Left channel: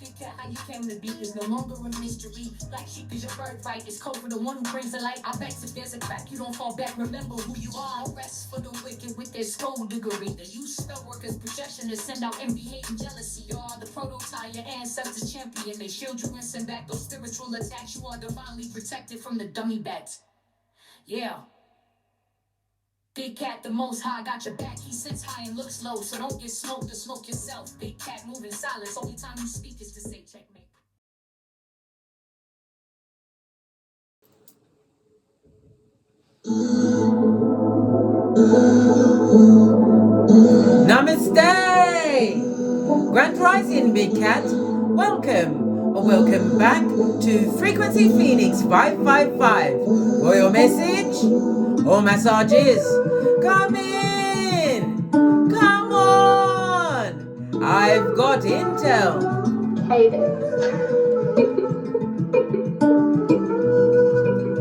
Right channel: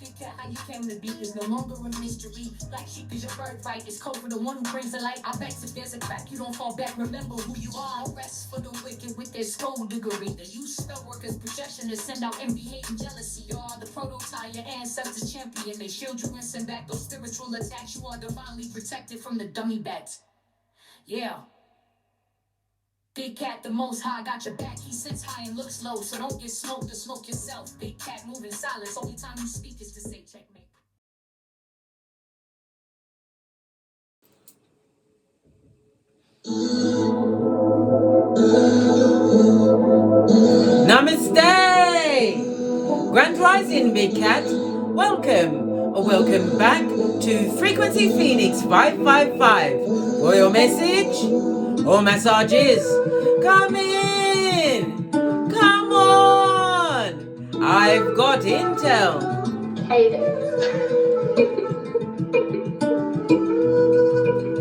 Big cat, how you came to be is no longer a mystery. Black sheep is your birthright. It's code for the one who brings the light. I bet if there's a crack, you don't fall back. Remember who you are. No rest for the wicked with their skullduggery. The use spell workers' projection to send out envy, hate, and jealousy. You are the prototype, your ancestors champion. They shield you and send back those spiritual attacks. You are divinely protected from the dummy bats. Yeah. Big cat, the most high, got your back. He sits high and looks low, so don't get smoked or smoke yourself. Big cat, moving silence. Only time you speak is to say checkmate. Namaste! Grand Rising, Big Cat. Welcome, or welcome back to Frequency Phoenix 555. Royal message or massages? Come in! Come on! I've got intel. Hey there.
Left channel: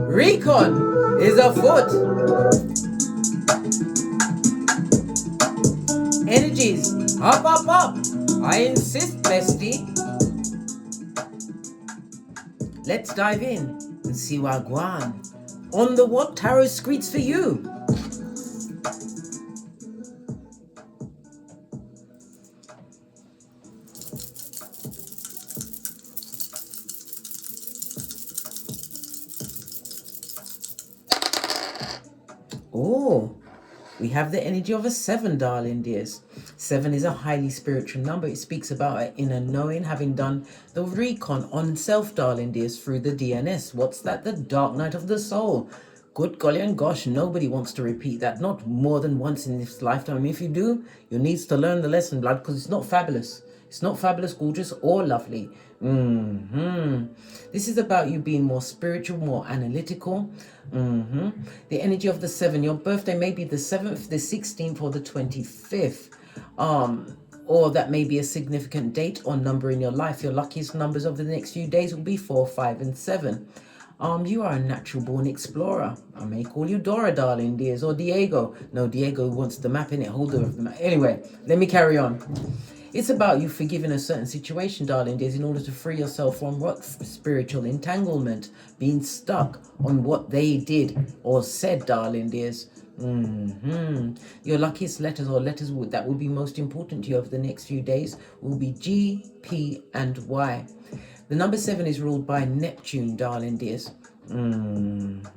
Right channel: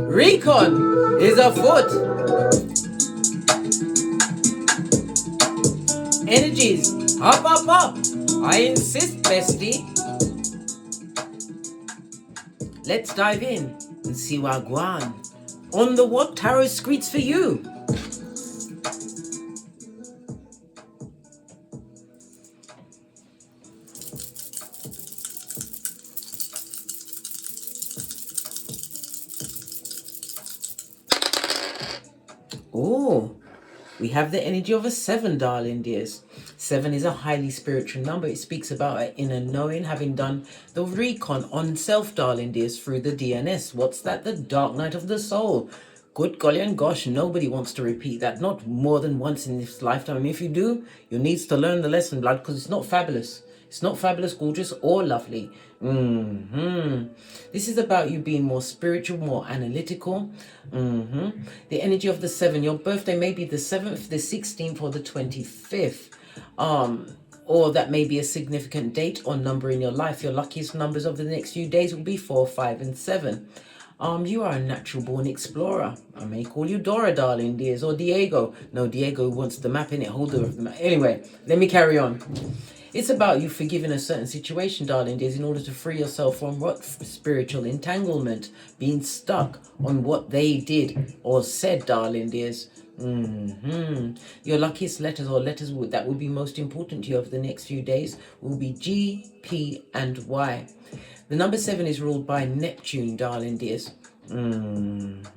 Recon is afoot. Energies, up, up, up. I insist, bestie. Let's dive in and see what Guan on the what tarot screeds for you. Oh, we have the energy of a 7, darling dears. 7 is a highly spiritual number. It speaks about an inner knowing, having done the recon on self, darling dears, through the DNS. What's that? The dark night of the soul. Good golly and gosh, nobody wants to repeat that, not more than once in this lifetime. If you do, you need to learn the lesson, blood, because it's not fabulous. It's not fabulous, gorgeous, or lovely. This is about you being more spiritual, more analytical. The energy of the 7. Your birthday may be the 7th, the 16th, or the 25th. Or that may be a significant date or number in your life. Your luckiest numbers of the next few days will be 4, 5, and 7. You are a natural born explorer. I may call you Dora, darling dears, or Diego. No, Diego wants the map in it, holder of the map. Anyway, let me carry on. It's about you forgiving a certain situation, darling dears, in order to free yourself from what? Spiritual entanglement, being stuck on what they did or said, darling dears. Your luckiest letters or letters that will be most important to you over the next few days will be G, P, and Y. The number 7 is ruled by Neptune, darling dears. And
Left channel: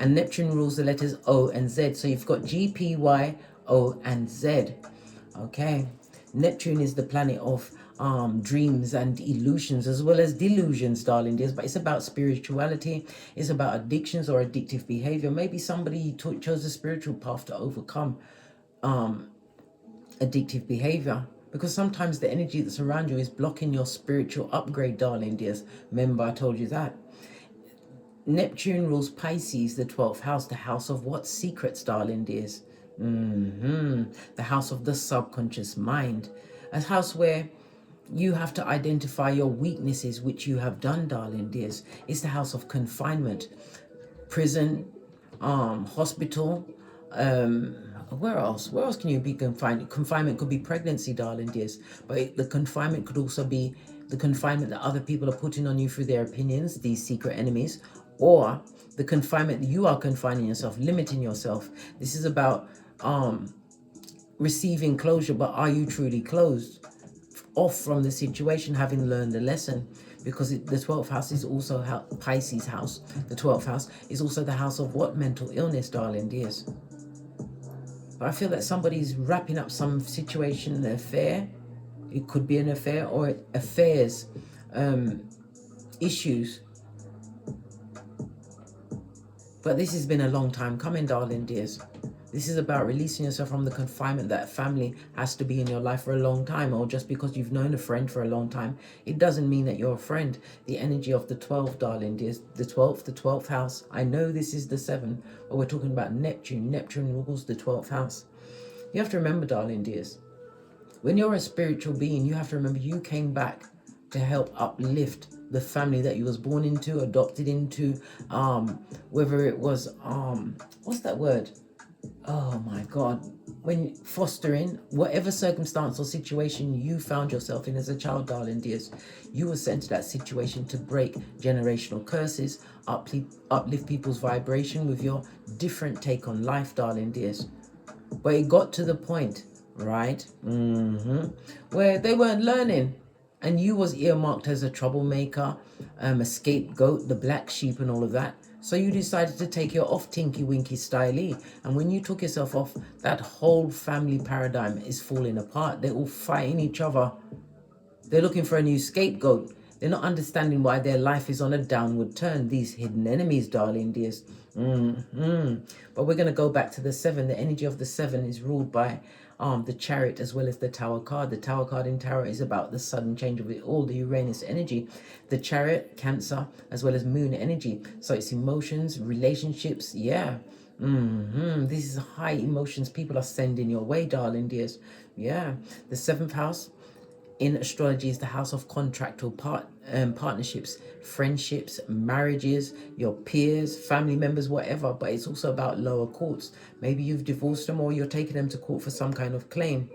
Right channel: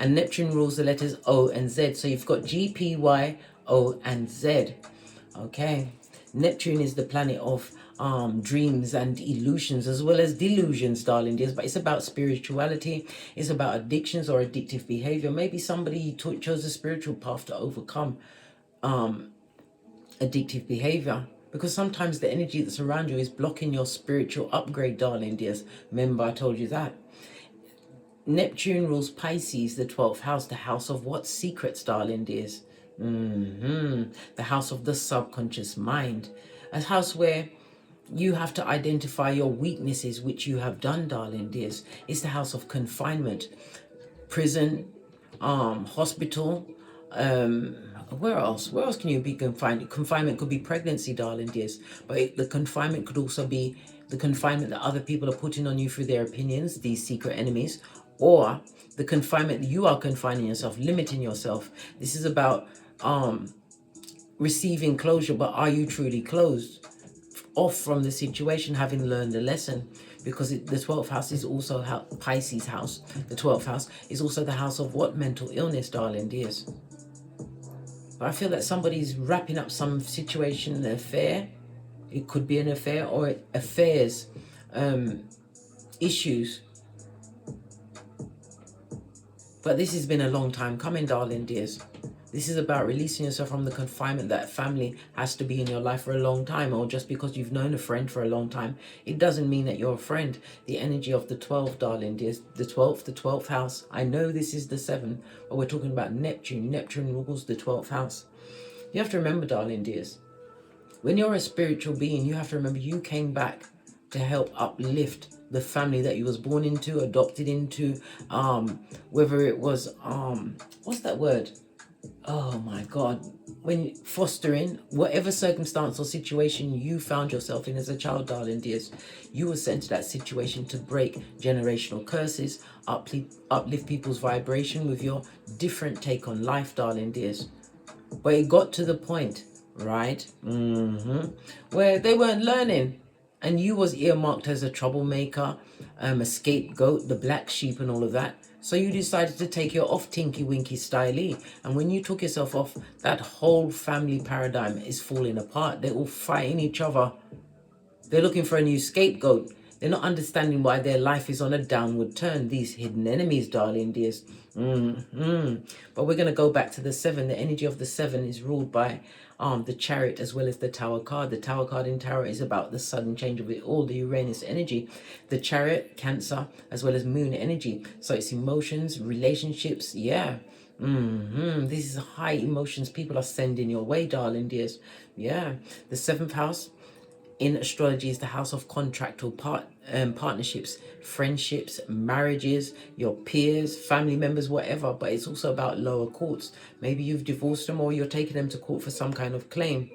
Neptune rules the letters O and Z. So you've got G, P, Y, O, and Z. Okay. Neptune is the planet of dreams and illusions as well as delusions, darling dears, but it's about spirituality. It's about addictions or addictive behavior. Maybe somebody chose a spiritual path to overcome addictive behavior, because sometimes the energy that's around you is blocking your spiritual upgrade, darling dears. Remember, I told you that. Neptune rules Pisces, the 12th house, the house of what? Secrets, darling dears. The house of the subconscious mind, a house where you have to identify your weaknesses, which you have done, darling dears. It's the house of confinement, prison, hospital. Where else can you be confined? Confinement could be pregnancy, darling dears, but the confinement could also be the confinement that other people are putting on you through their opinions, these secret enemies, or the confinement that you are confining yourself, limiting yourself. This is about receiving closure, but are you truly closed off from the situation, having learned a lesson? Because the 12th house is also Pisces house. The 12th house is also the house of what? Mental illness, darling dears. But I feel that somebody's wrapping up some situation, an affair. It could be an affair or affairs, issues. But this has been a long time coming, darling dears. This is about releasing yourself from the confinement that family has to be in your life for a long time, or just because you've known a friend for a long time, it doesn't mean that you're a friend. The energy of the 12, darling dears, the 12th house. I know this is the 7, but we're talking about Neptune. Neptune rules the 12th house. You have to remember, darling dears, when you're a spiritual being, you have to remember you came back to help uplift the family that you was born into, adopted into, whether it was, what's that word? Oh my God. When fostering whatever circumstance or situation you found yourself in as a child, darling dears, you were sent to that situation to break generational curses, uplift people's vibration with your different take on life, darling dears. But it got to the point, right, where they weren't learning. And you was earmarked as a troublemaker, a scapegoat, the black sheep and all of that. So you decided to take your off Tinky Winky styley. And when you took yourself off, that whole family paradigm is falling apart. They're all fighting each other. They're looking for a new scapegoat. They're not understanding why their life is on a downward turn. These hidden enemies, darling dears. But we're going to go back to the 7. The energy of the 7 is ruled by the Chariot as well as the Tower card. The Tower card in Tarot is about the sudden change of it all, the Uranus energy. The Chariot, Cancer, as well as Moon energy. So it's emotions, relationships, yeah. This is high emotions people are sending your way, darling dears. Yeah. The 7th house in astrology is the house of contract or partnerships, friendships, marriages, your peers, family members, whatever. But it's also about lower courts. Maybe you've divorced them or you're taking them to court for some kind of claim.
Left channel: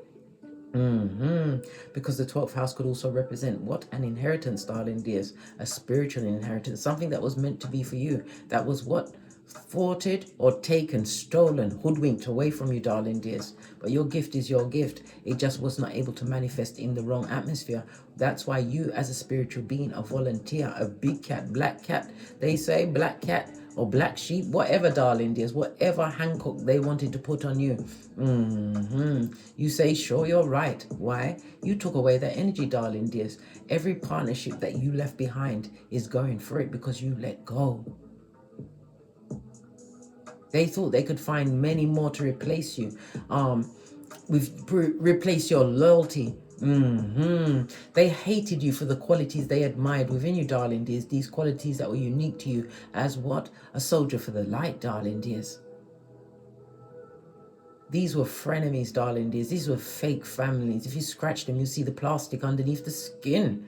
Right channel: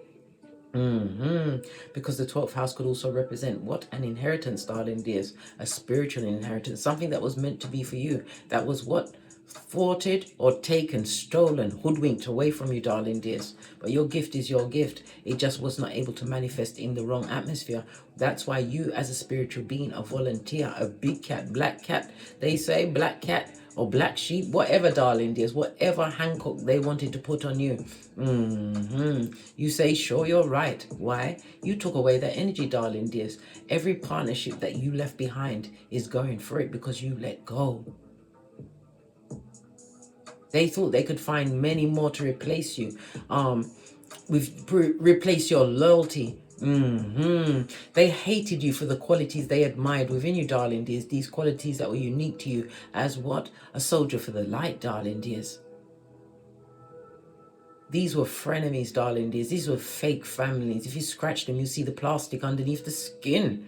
Because the 12th house could also represent what? An inheritance, darling dears. A spiritual inheritance. Something that was meant to be for you. That was what? Thwarted or taken, stolen, hoodwinked away from you, darling dears. But your gift is your gift. It just was not able to manifest in the wrong atmosphere. That's why you, as a spiritual being, a volunteer, a big cat, black cat, they say black cat or black sheep, whatever, darling dears, whatever Hancock they wanted to put on you. You say, sure, you're right. Why? You took away their energy, darling dears. Every partnership that you left behind is going for it because you let go. They thought they could find many more to replace you, replace your loyalty. They hated you for the qualities they admired within you, darling dears. These qualities that were unique to you as what? A soldier for the light, darling dears. These were frenemies, darling dears. These were fake families. If you scratch them, you see the plastic underneath the skin.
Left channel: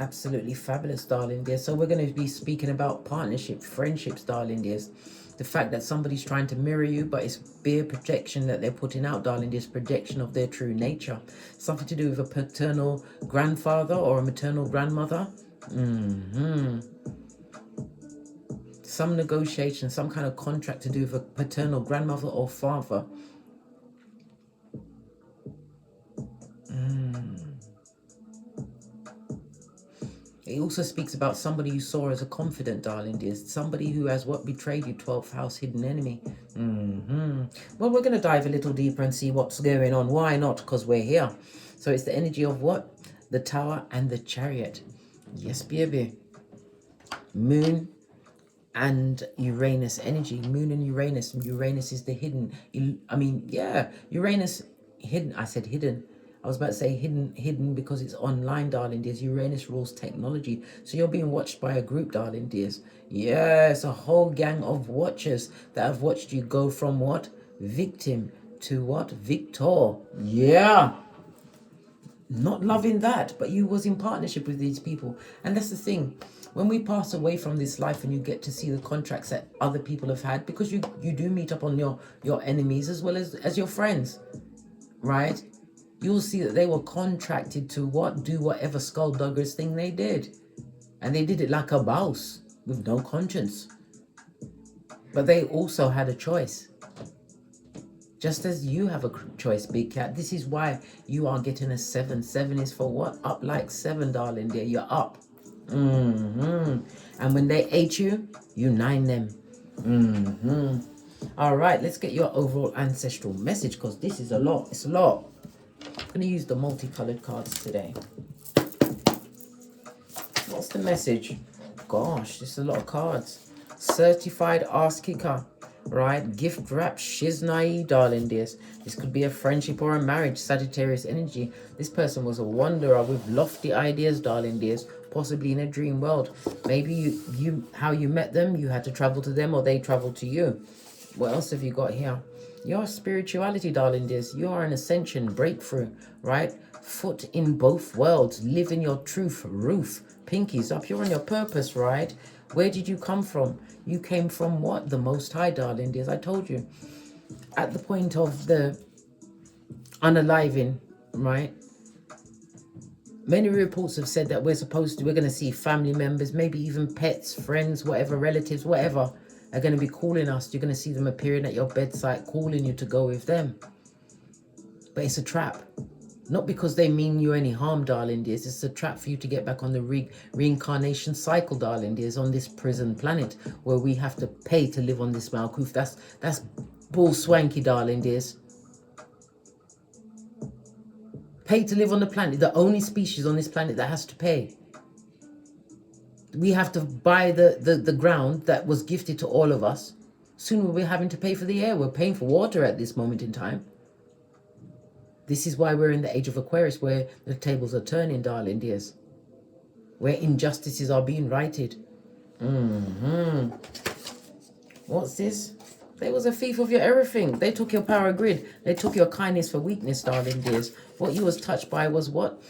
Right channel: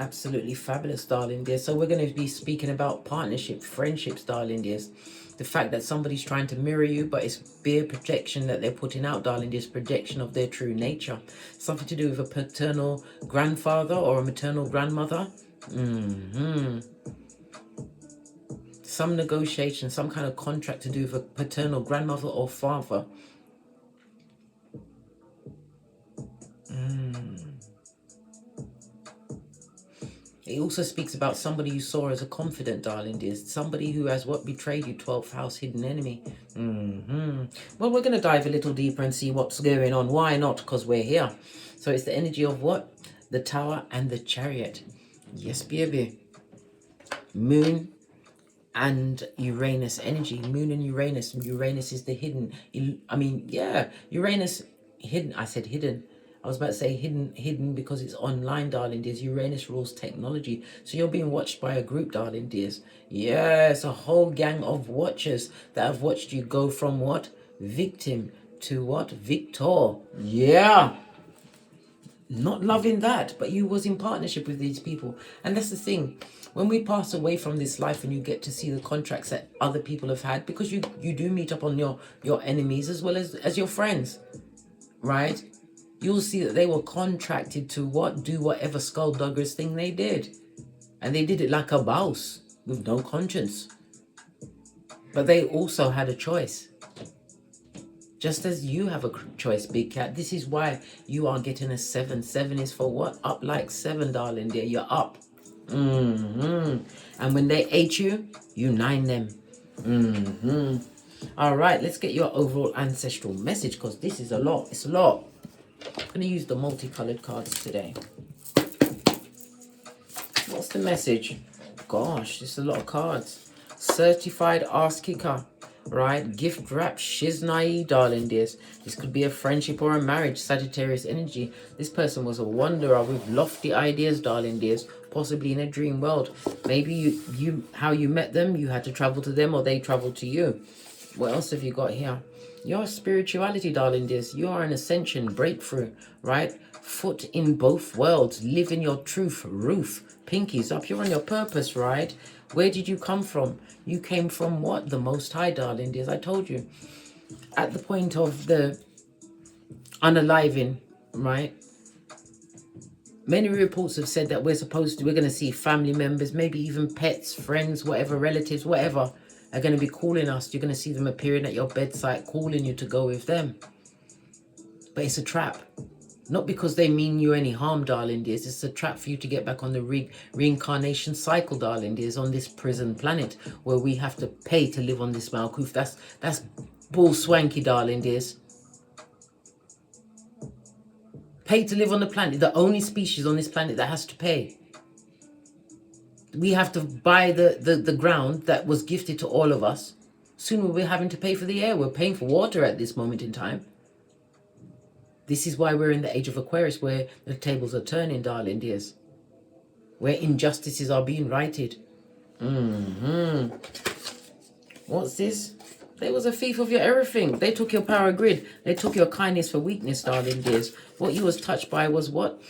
Absolutely fabulous, darling dear. So we're going to be speaking about partnership, friendships, darling dears. The fact that somebody's trying to mirror you, but it's bare projection that they're putting out, darling dears, projection of their true nature. Something to do with a paternal grandfather or a maternal grandmother. Some negotiation, some kind of contract to do with a paternal grandmother or father. It also speaks about somebody you saw as a confident, darling dears. Somebody who has what? Betrayed you, 12th house, hidden enemy. Well, we're going to dive a little deeper and see what's going on. Why not? Because we're here. So it's the energy of what? The Tower and the Chariot. Yes, baby. Moon and Uranus energy. Moon and Uranus. Uranus is the hidden. Uranus hidden. I said hidden. I was about to say hidden because it's online, darling dears. Uranus rules technology. So you're being watched by a group, darling dears. Yes, a whole gang of watchers that have watched you go from what? Victim to what? Victor. Yeah. Not loving that, but you was in partnership with these people. And that's the thing. When we pass away from this life and you get to see the contracts that other people have had, because you do meet up on your enemies as well as your friends, right? You'll see that they were contracted to what? Do whatever skulldugger's thing they did. And they did it like a boss with no conscience. But they also had a choice. Just as you have a choice, big cat. This is why you are getting a 7. 7 is for what? Up like 7, darling dear. You're up. And when they ate you, you 9 them. All right, let's get your overall ancestral message because this is a lot. It's a lot. I'm going to use the multicolored cards today. What's the message? Gosh, it's a lot of cards. Certified ass kicker, right? Gift wrap shiznai, darling dears. This could be a friendship or a marriage, Sagittarius energy. This person was a wanderer with lofty ideas, darling dears, possibly in a dream world. Maybe you how you met them, you had to travel to them or they traveled to you. What else have you got here? Your spirituality, darling dears. You are an ascension, breakthrough, right? Foot in both worlds. Live in your truth. Roof. Pinkies up. You're on your purpose, right? Where did you come from? You came from what? The Most High, darling. As I told you. At the point of the unaliving, right? Many reports have said that we're going to see family members, maybe even pets, friends, whatever, relatives, whatever, are going to be calling us. You're going to see them appearing at your bedside, calling you to go with them. But it's a trap. Not because they mean you any harm, darling dears. It's a trap for you to get back on the reincarnation cycle, darling dears, on this prison planet where we have to pay to live on this Malkuth. That's bull swanky, darling dears. Pay to live on the planet. The only species on this planet that has to pay. We have to buy the ground that was gifted to all of us. Soon we're having to pay for the air. We're paying for water at this moment in time. This is why we're in the age of Aquarius, where the tables are turning, darling dears. Where injustices are being righted. What's this? They was a thief of your everything. They took your power grid. They took your kindness for weakness, darling dears. What you was touched by was what?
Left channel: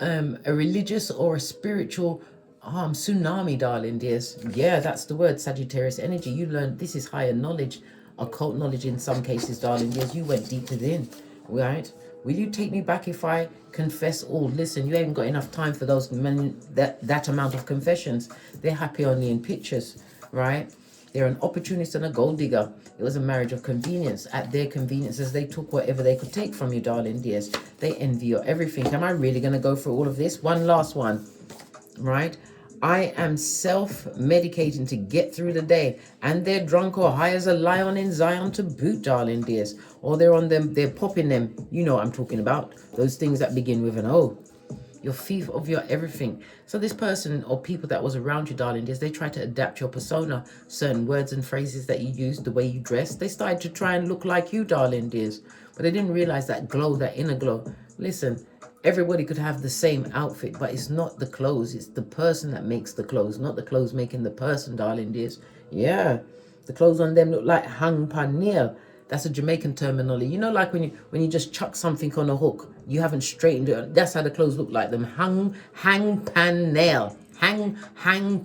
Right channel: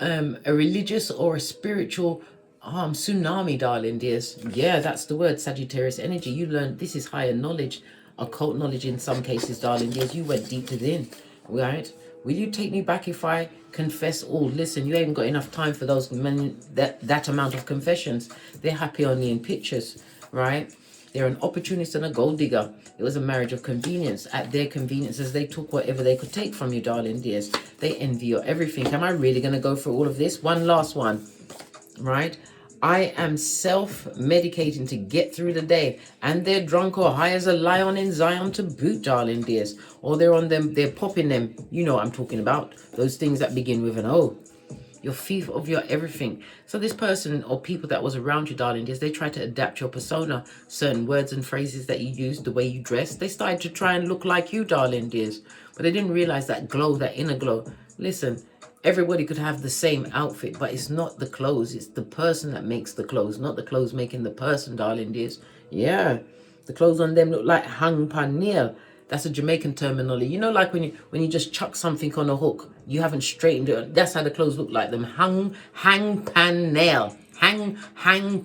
A religious or a spiritual tsunami, darling dears. Yeah, that's the word, Sagittarius energy. You learned this is higher knowledge, occult knowledge in some cases, darling dears. You went deep within, right? Will you take me back if I confess all? Listen, you ain't got enough time for those men, that amount of confessions. They're happy only in pictures, right? They're an opportunist and a gold digger. It was a marriage of convenience. At their conveniences, they took whatever they could take from you, darling dears. They envy your everything. Am I really going to go through all of this? One last one, right? I am self-medicating to get through the day. And they're drunk or high as a lion in Zion to boot, darling dears. Or they're on them, they're popping them. You know what I'm talking about. Those things that begin with an O. Your thief of your everything. So this person or people that was around you, darling dears, they tried to adapt your persona. Certain words and phrases that you use, the way you dress. They started to try and look like you, darling dears. But they didn't realize that glow, that inner glow. Listen, everybody could have the same outfit, but it's not the clothes. It's the person that makes the clothes, not the clothes making the person, darling dears. Yeah, the clothes on them look like hang paneer. That's a Jamaican terminology. You know, like when you just chuck something on a hook, you haven't straightened it. That's how the clothes look like them. Hang pan nail. Hang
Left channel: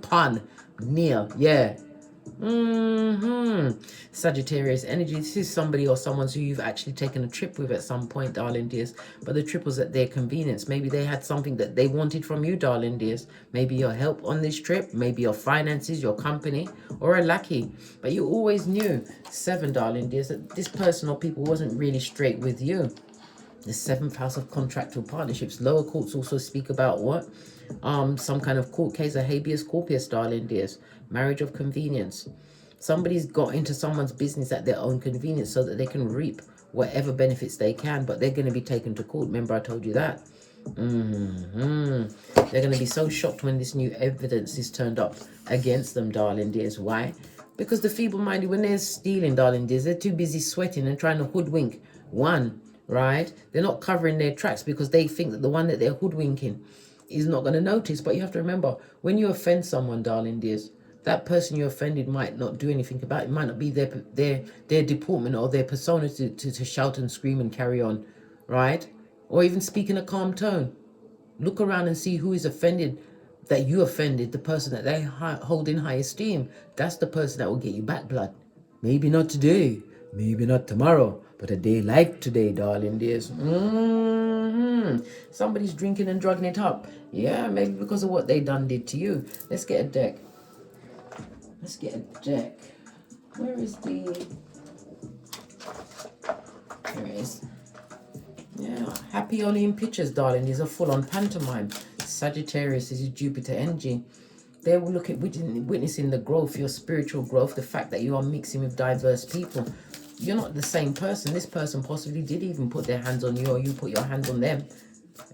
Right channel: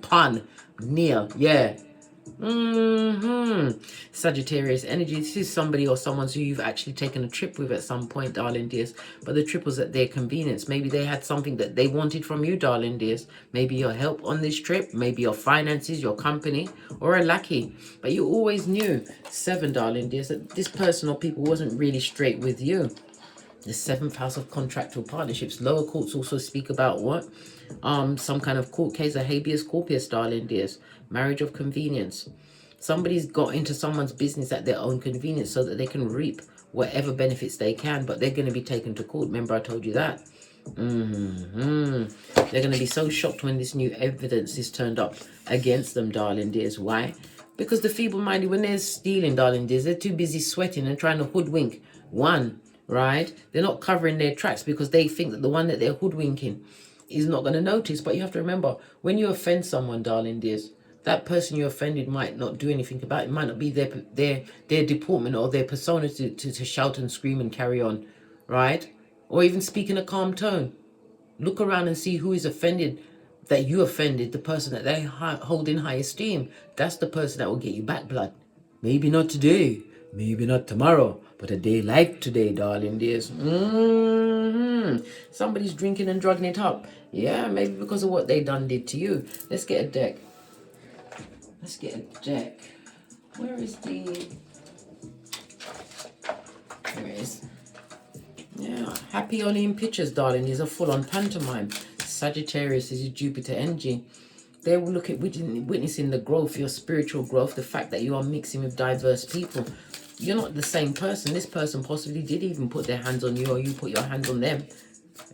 pan nail. Yeah. Sagittarius energy. This is somebody or someone who you've actually taken a trip with at some point, darling dears. But the trip was at their convenience. Maybe they had something that they wanted from you, darling dears. Maybe your help on this trip. Maybe your finances, your company, or a lackey. But you always knew, 7, darling dears, that this person or people wasn't really straight with you. The 7th house of contractual partnerships. Lower courts also speak about what? Some kind of court case, a habeas corpus, darling dears. Marriage of convenience. Somebody's got into someone's business at their own convenience so that they can reap whatever benefits they can, but they're going to be taken to court. Remember I told you that? They're going to be so shocked when this new evidence is turned up against them, darling dears. Why? Because the feeble-minded, when they're stealing, darling dears, they're too busy sweating and trying to hoodwink one, right? They're not covering their tracks because they think that the one that they're hoodwinking is not going to notice. But you have to remember, when you offend someone, darling dears, that person you offended might not do anything about it. It might not be their deportment or their persona to shout and scream and carry on, right? Or even speak in a calm tone. Look around and see who is offended, that you offended, the person that they hold in high esteem. That's the person that will get you back blood. Maybe not today, maybe not tomorrow, but a day like today, darling dears. Somebody's drinking and drugging it up. Yeah, maybe because of what they did to you. Let's get a deck. Let's get a deck. Where is the... There it is. Yeah, happy only in pictures, darling. These are full on pantomime. Sagittarius is your Jupiter energy. They will look at witnessing the growth, your spiritual growth, the fact that you are mixing with diverse people. You're not the same person. This person possibly did even put their hands on you, or you put your hands on them.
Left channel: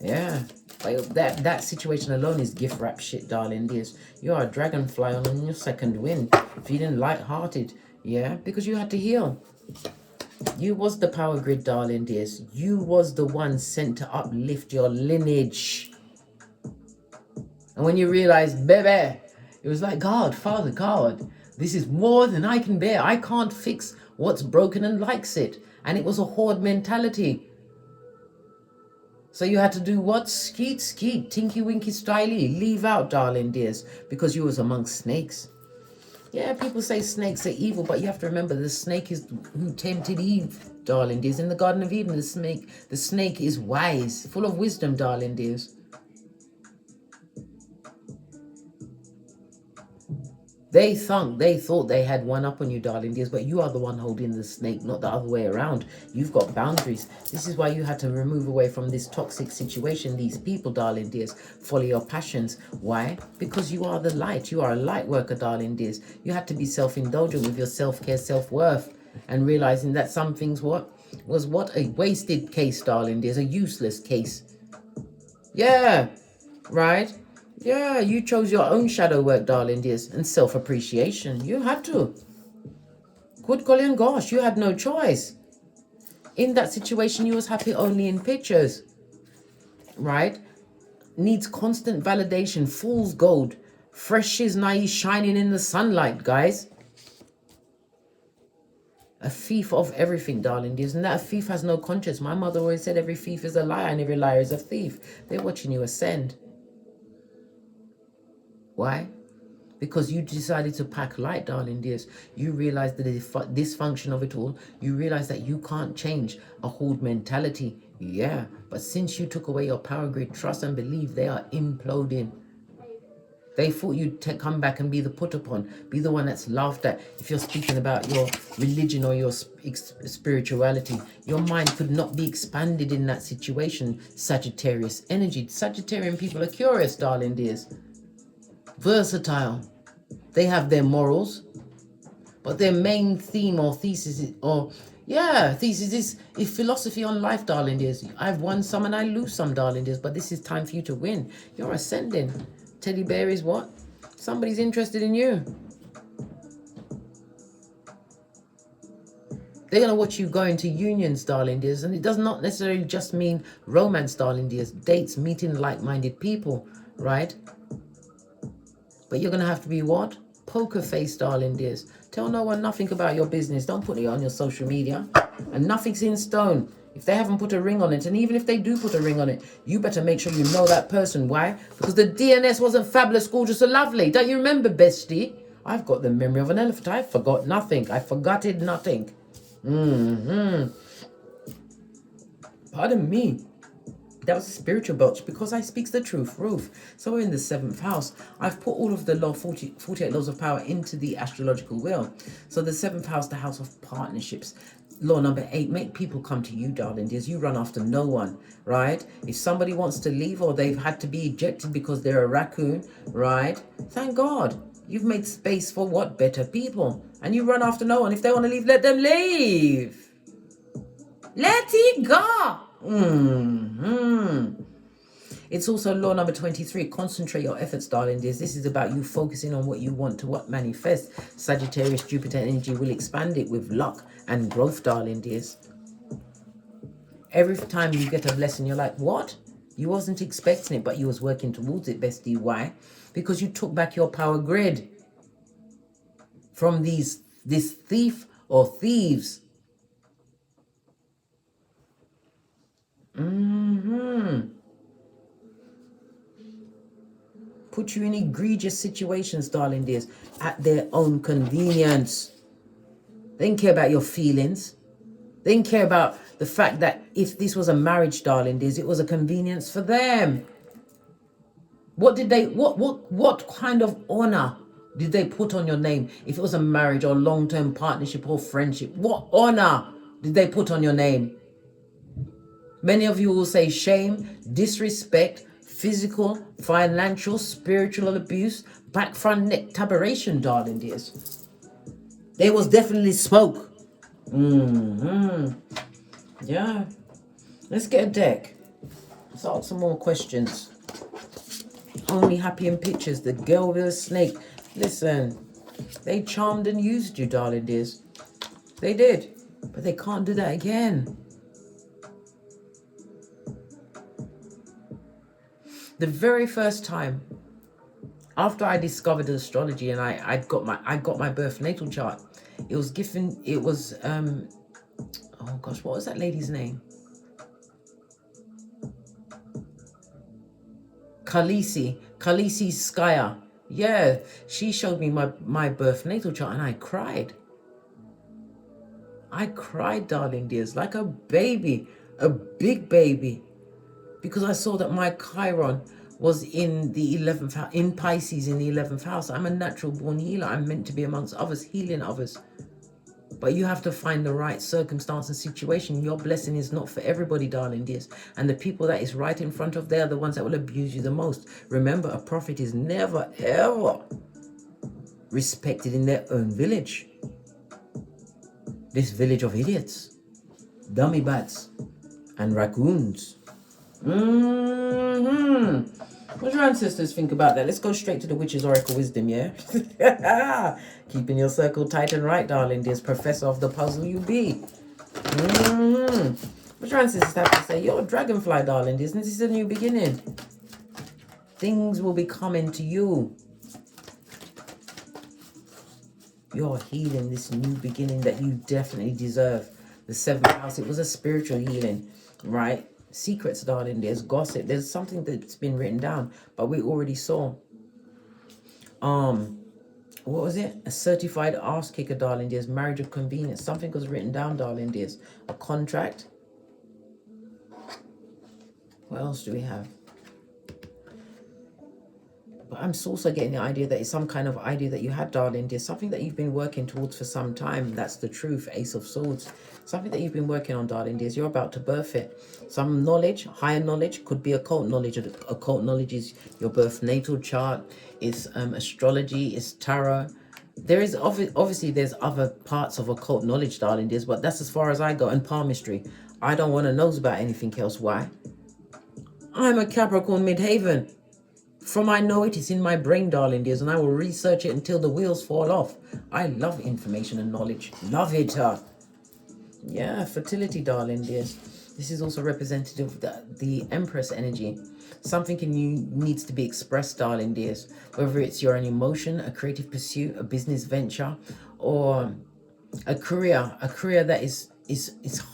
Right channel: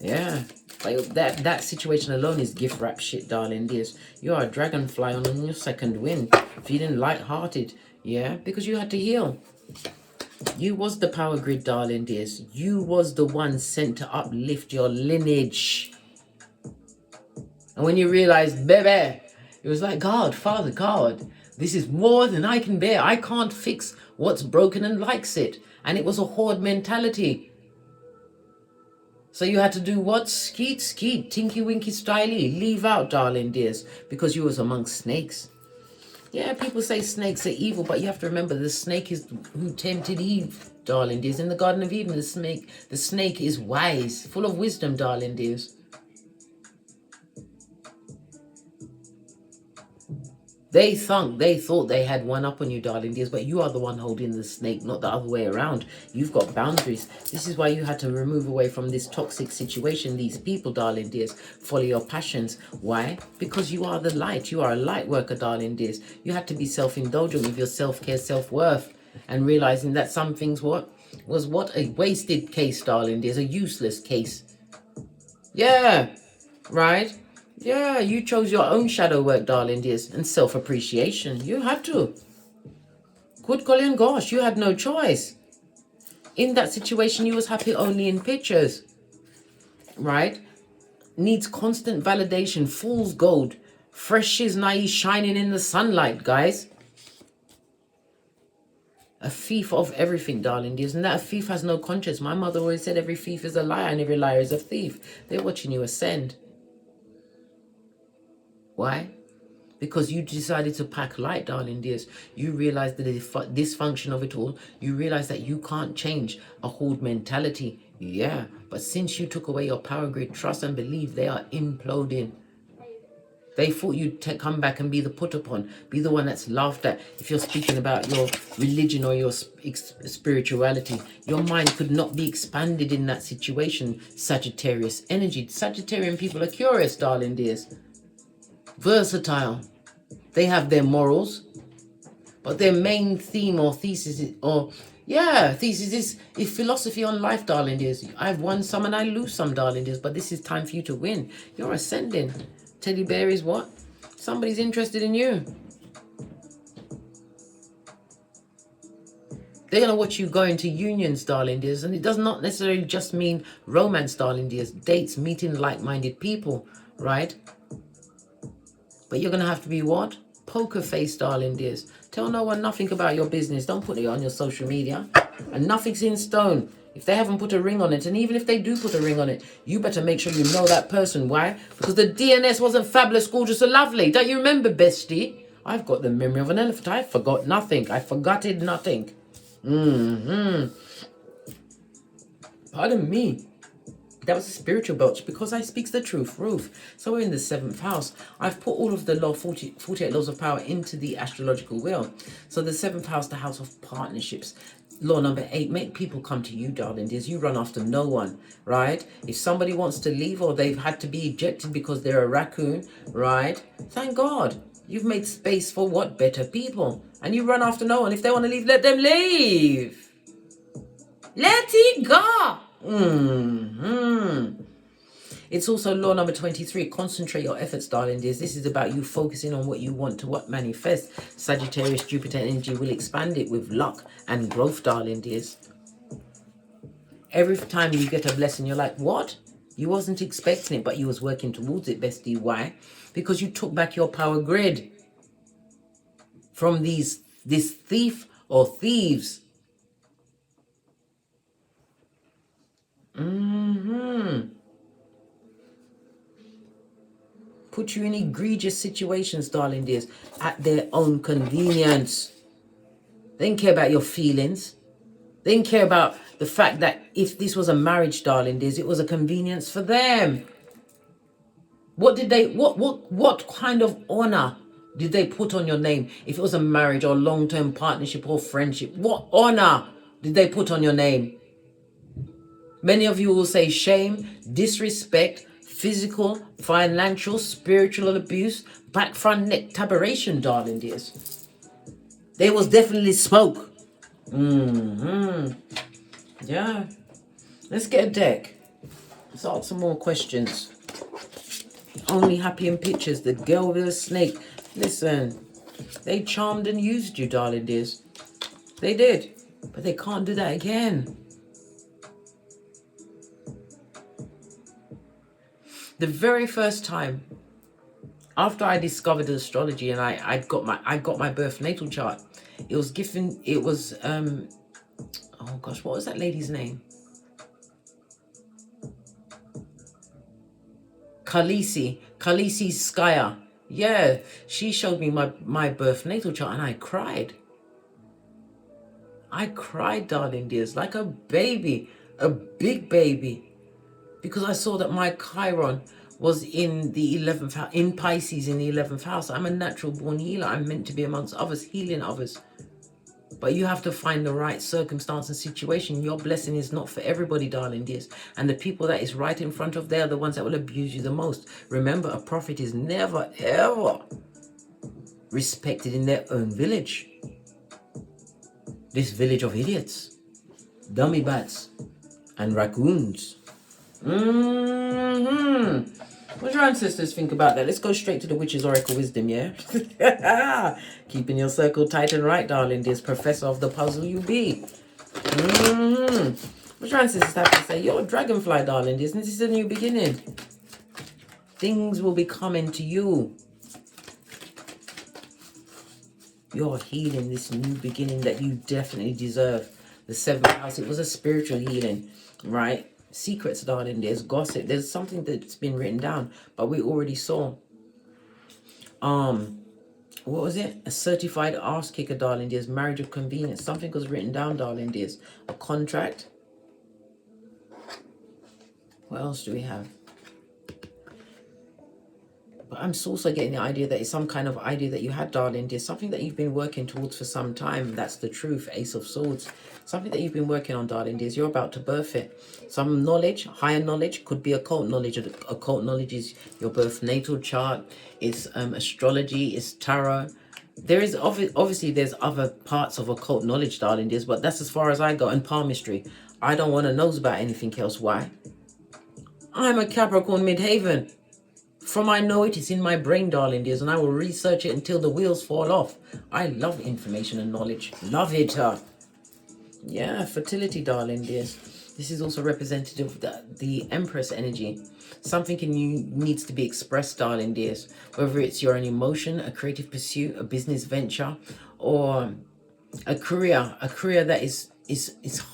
Yeah, that situation alone is gift wrap shit, darling dears. You are a dragonfly on your second wind, feeling light-hearted. Yeah, because you had to heal. You was the power grid, darling dears. You was the one sent to uplift your lineage. And when you realized, baby, it was like, God, Father, God, this is more than I can bear. I can't fix what's broken and likes it. And it was a horde mentality. So you had to do what? Skeet, skeet, tinky winky styly. Leave out, darling dears, because you was amongst snakes. Yeah, people say snakes are evil, but you have to remember the snake is who tempted Eve, darling dears. In the Garden of Eden, the snake is wise, full of wisdom, darling dears. They thought they had one up on you, darling dears, but you are the one holding the snake, not the other way around. You've got boundaries. This is why you had to remove away from this toxic situation, these people, darling dears. Follow your passions. Why? Because you are the light. You are a light worker, darling dears. You had to be self-indulgent with your self-care, self-worth, and realizing that some things was a wasted case, darling dears, a useless case. Yeah, right? Yeah, you chose your own shadow work, darling dears, and self-appreciation. You had to. Good golly and gosh, you had no choice. In that situation, you was happy only in pictures, right? Needs constant validation, fool's gold. Fresh is naive, shining in the sunlight, guys. A thief of everything, darling dears, and that a thief has no conscience. My mother always said every thief is a liar and every liar is a thief. They're watching you ascend. Why? Because you decided to pack light, darling dears. You realize the dysfunction of it all. You realize that you can't change a horde mentality. Yeah, but since you took away your power grid, trust and believe, they are imploding. They thought you'd come back and be the put upon, be the one that's laughed at. If you're speaking about your religion or your spirituality, your mind could not be expanded in that situation. Sagittarius energy. Sagittarian people are curious, darling dears. Versatile. They have their morals, but their main theme or thesis is philosophy on life, darling dears. I've won some and I lose some, darling dears, but this is time for you to win. You're ascending. Teddy bear is what? Somebody's interested in you. They're going to watch you go into unions, darling dears, and it does not necessarily just mean romance, darling dears. Dates, meeting like-minded people, right? But you're going to have to be what? Poker face, darling dears. Tell no one nothing about your business. Don't put it on your social media. And nothing's in stone. If they haven't put a ring on it, and even if they do put a ring on it, you better make sure you know that person. Why? Because the DNS wasn't fabulous, gorgeous, or lovely. Don't you remember, bestie? I've got the memory of an elephant. I forgot nothing. I forgotted nothing. Pardon me. That was a spiritual belch because I speaks the truth, Ruth. So we're in the 7th house. I've put all of the 48 laws of power into the astrological wheel. So the 7th house, the house of partnerships. Law number 8, make people come to you, darling dears. You run after no one, right? If somebody wants to leave or they've had to be ejected because they're a raccoon, right? Thank God. You've made space for what? Better people. And you run after no one. If they want to leave, let them leave. Let it go. It's also law number 23. Concentrate your efforts, darling dears. This is about you focusing on what you want to what manifest. Sagittarius, Jupiter energy will expand it with luck and growth, darling dears. Every time you get a blessing, you're like, what? You wasn't expecting it, but you was working towards it, bestie. Why? Because you took back your power grid from this thief or thieves. Put you in egregious situations, darling dears, at their own convenience. They didn't care about your feelings. They didn't care about the fact that if this was a marriage, darling dears, it was a convenience for them. What did they, what kind of honor did they put on your name? If it was a marriage or long-term partnership or friendship, what honor did they put on your name? Many of you will say shame, disrespect, physical, financial, spiritual abuse, back front neck tabaration, darling dears. There was definitely smoke. Yeah. Let's get a deck. Let's ask some more questions. Only happy in pictures. The girl with a snake. Listen, they charmed and used you, darling dears. They did. But they can't do that again. The very first time after I discovered astrology and I got my birth natal chart, it was given, it was oh gosh, what was that lady's name? Khaleesi Skyer. Yeah, she showed me my birth natal chart and I cried. I cried, darling dears, like a baby, a big baby, because I saw that my Chiron was in the 11th house, in Pisces in the 11th house. I'm a natural born healer. I'm meant to be amongst others, healing others. But you have to find the right circumstance and situation. Your blessing is not for everybody, darling dears. And the people that is right in front of, they are the ones that will abuse you the most. Remember, a prophet is never, ever respected in their own village. This village of idiots, dummy bats, and raccoons. What do your ancestors think about that? Let's go straight to the Witch's Oracle Wisdom, yeah? Keeping your circle tight and right, darling, dears. Professor of the puzzle you be. What your ancestors have to say? You're a dragonfly, darling, dears. This is a new beginning. Things will be coming to you. You're healing this new beginning that you definitely deserve. The 7th house, it was a spiritual healing, right? Secrets, darling, there's gossip. There's something that's been written down, but we already saw. What was it? A certified arse kicker, darling, there's marriage of convenience. Something was written down, darling, there's a contract. What else do we have? But I'm also getting the idea that it's some kind of idea that you had, darling. There's something that you've been working towards for some time. That's the truth. Ace of Swords. Something that you've been working on, darling. There's you're about to birth it. Some knowledge, higher knowledge, could be occult knowledge. Occult knowledge is your birth natal chart. It's astrology. It's tarot. There is obviously there's other parts of occult knowledge, darling. There's, but that's as far as I go. And palmistry. I don't want to know about anything else. Why? I'm a Capricorn midhaven. From I know it, it's in my brain, darling dears, and I will research it until the wheels fall off. I love information and knowledge. Love it. Yeah, fertility, darling dears. This is also representative of the Empress energy. Something in you needs to be expressed, darling dears. Whether it's your own emotion, a creative pursuit, a business venture, or a career that is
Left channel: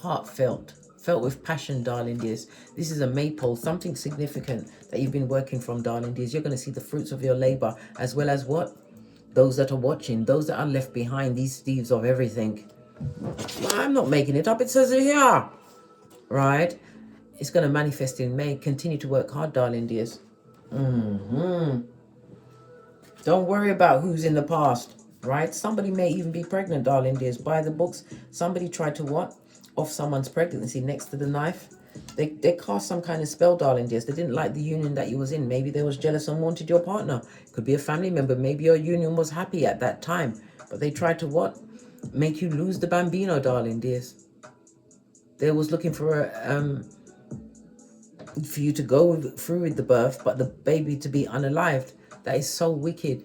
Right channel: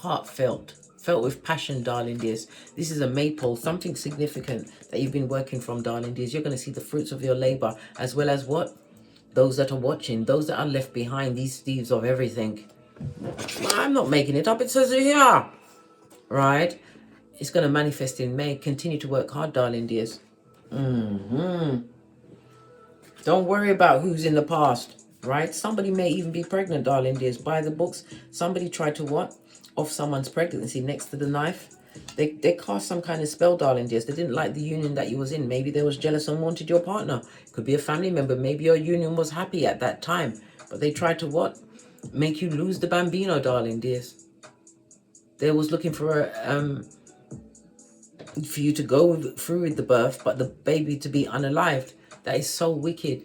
heartfelt. Felt with passion, darling dears. This is a maypole, something significant that you've been working from, darling dears. You're going to see the fruits of your labor, as well as what? Those that are watching, those that are left behind, these thieves of everything. I'm not making it up, it says it here. Right? It's going to manifest in May. Continue to work hard, darling dears. Don't worry about who's in the past, right? Somebody may even be pregnant, darling dears. Buy the books. Somebody tried to what? Off someone's pregnancy next to the knife. They cast some kind of spell, darling dears. They didn't like the union that you was in. Maybe they was jealous and wanted your partner. Could be a family member. Maybe your union was happy at that time. But they tried to what? Make you lose the bambino, darling dears. They was looking for you to go through with the birth, but the baby to be unalived. That is so wicked.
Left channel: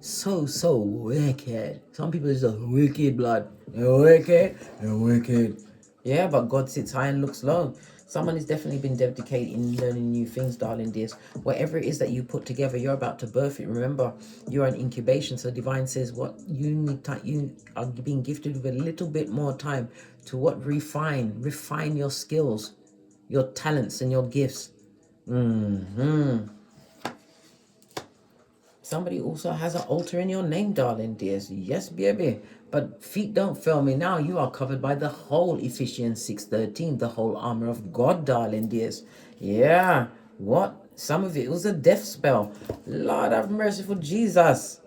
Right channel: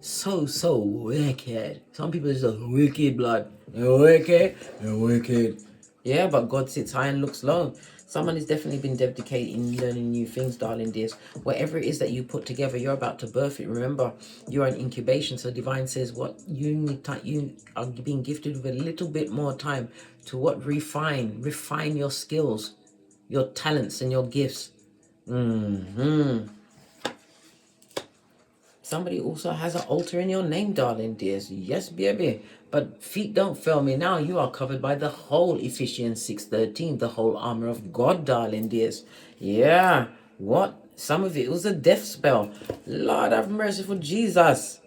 So wicked. Some people is just wicked blood. You're wicked. Yeah, but God sits high and looks low. Someone has definitely been dedicated in learning new things, darling dears. Whatever it is that you put together, you're about to birth it. Remember, you're in incubation. So divine says what you need. You are being gifted with a little bit more time to what? Refine your skills, your talents and your gifts. Somebody also has an altar in your name, darling dears. Yes, baby. But feet don't fail me now. You are covered by the whole Ephesians 6:13, the whole armor of God, darling dears. Yeah. What? Some of it was a death spell. Lord have mercy for Jesus.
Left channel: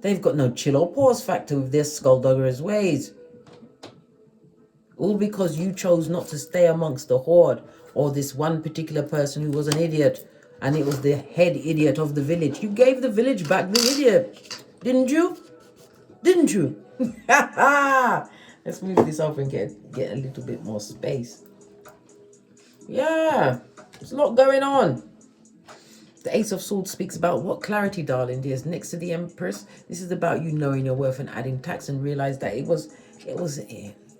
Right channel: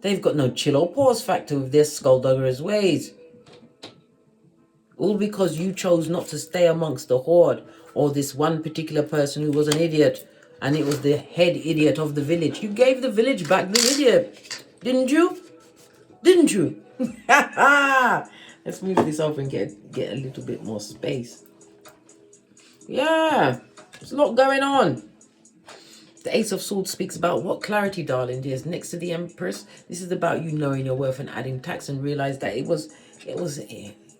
They've got no chill or pause factor with their skulldugger's ways. All because you chose not to stay amongst the horde or this one particular person who was an idiot. And it was the head idiot of the village. You gave the village back the idiot. Didn't you? Didn't you? Let's move this up and get a little bit more space. Yeah. There's a lot going on. The Ace of Swords speaks about what clarity, darling dears. Next to the Empress, this is about you knowing your worth and adding tax and realize that it was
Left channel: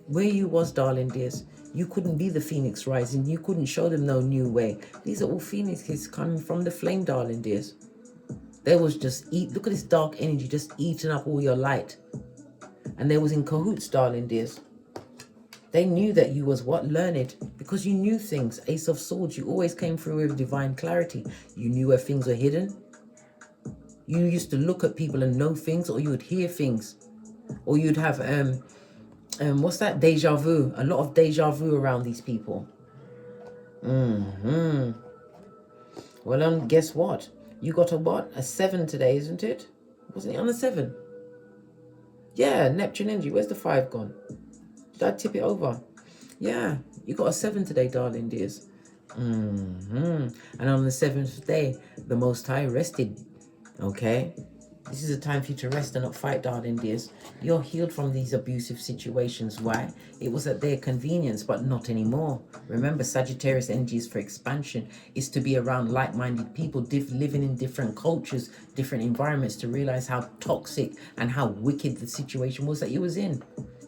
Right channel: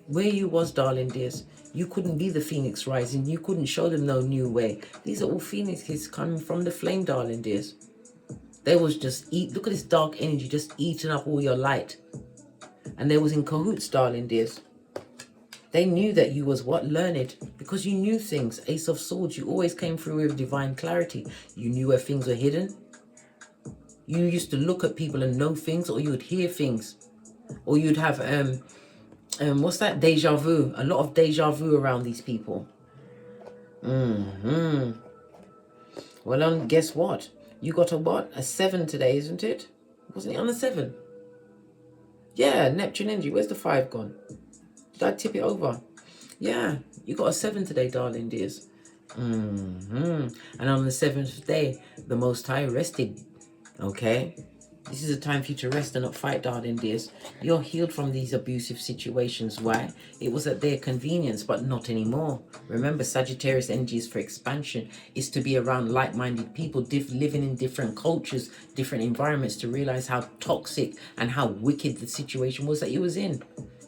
where you was, darling dears. You couldn't be the phoenix rising. You couldn't show them no new way. These are all phoenixes coming from the flame, darling dears. They was just look at this dark energy just eating up all your light. And they was in cahoots, darling dears. They knew that you was what? Learned. Because you knew things. Ace of Swords, you always came through with divine clarity. You knew where things were hidden. You used to look at people and know things, or you would hear things. Or you'd have, what's that? Deja vu. A lot of deja vu around these people. Well, guess what? You got a what? A 7 today, isn't it? Wasn't it on a 7? Yeah, Neptune energy. Where's the 5 gone? Did I tip it over? Yeah, you got a 7 today, darling dears. And on the 7th day, the Most High rested. Okay? This is a time for you to rest and not fight, darling dears. You're healed from these abusive situations. Why? It was at their convenience, but not anymore. Remember, Sagittarius energy is for expansion. It's to be around like-minded people, living in different cultures, different environments, to realize how toxic and how wicked the situation was that you was in.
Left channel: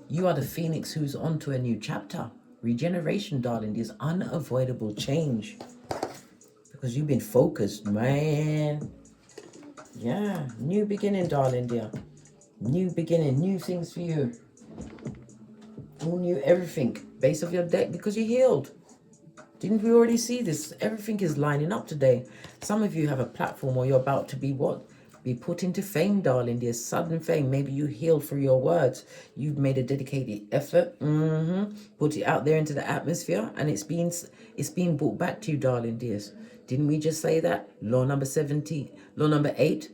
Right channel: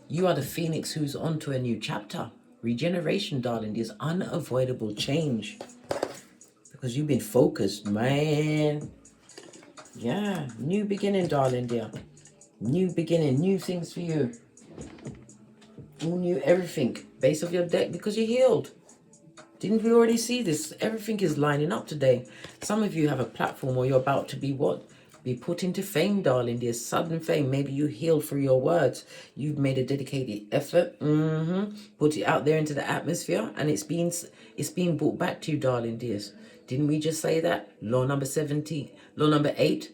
You are the phoenix who's on to a new chapter. Regeneration, darling, is unavoidable change. Because you've been focused, man. Yeah, new beginning, darling dear. New beginning, new things for you. All new everything. Base of your deck, because you're healed. Didn't we already see this? Everything is lining up today. Some of you have a platform or you're about to be what? Be put into fame, darling dear. Sudden fame. Maybe you healed through your words. You've made a dedicated effort. Put it out there into the atmosphere, and it's being brought back to you, darling dears. Didn't we just say that? Law number 17. Law number 8.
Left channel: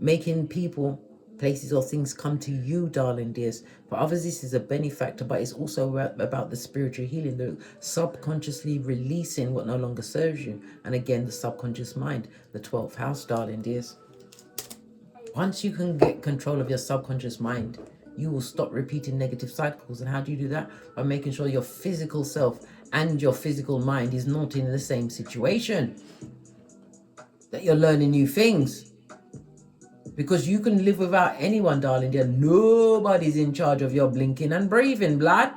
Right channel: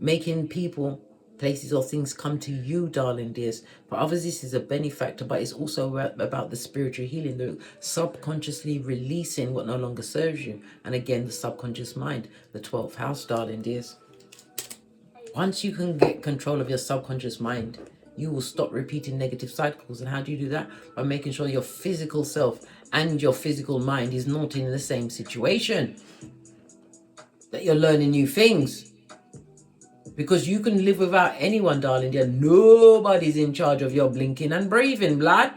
Making people, places or things come to you, darling dears. For others, this is a benefactor, but it's also about the spiritual healing, the subconsciously releasing what no longer serves you. And again, the subconscious mind, the 12th house, darling dears. Once you can get control of your subconscious mind, you will stop repeating negative cycles. And how do you do that? By making sure your physical self and your physical mind is not in the same situation. That you're learning new things. Because you can live without anyone, darling dear. Nobody's in charge of your blinking and breathing, blood.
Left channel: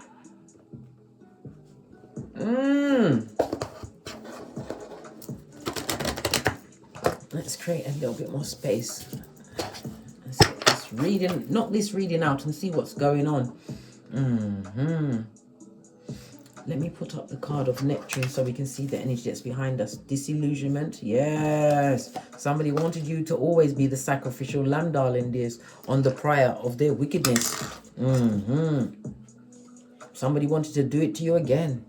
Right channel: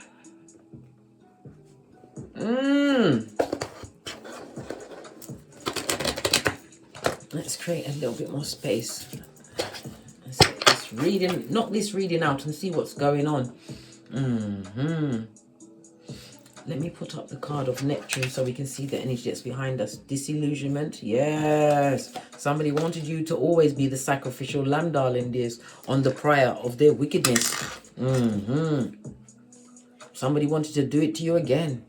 Let's create a little bit more space. Let's knock this reading out and see what's going on. Let me put up the card of Neptune so we can see the energy that's behind us. Disillusionment. Yes. Somebody wanted you to always be the sacrificial lamb, darling dears, on the pyre of their wickedness. Somebody wanted to do it to you again.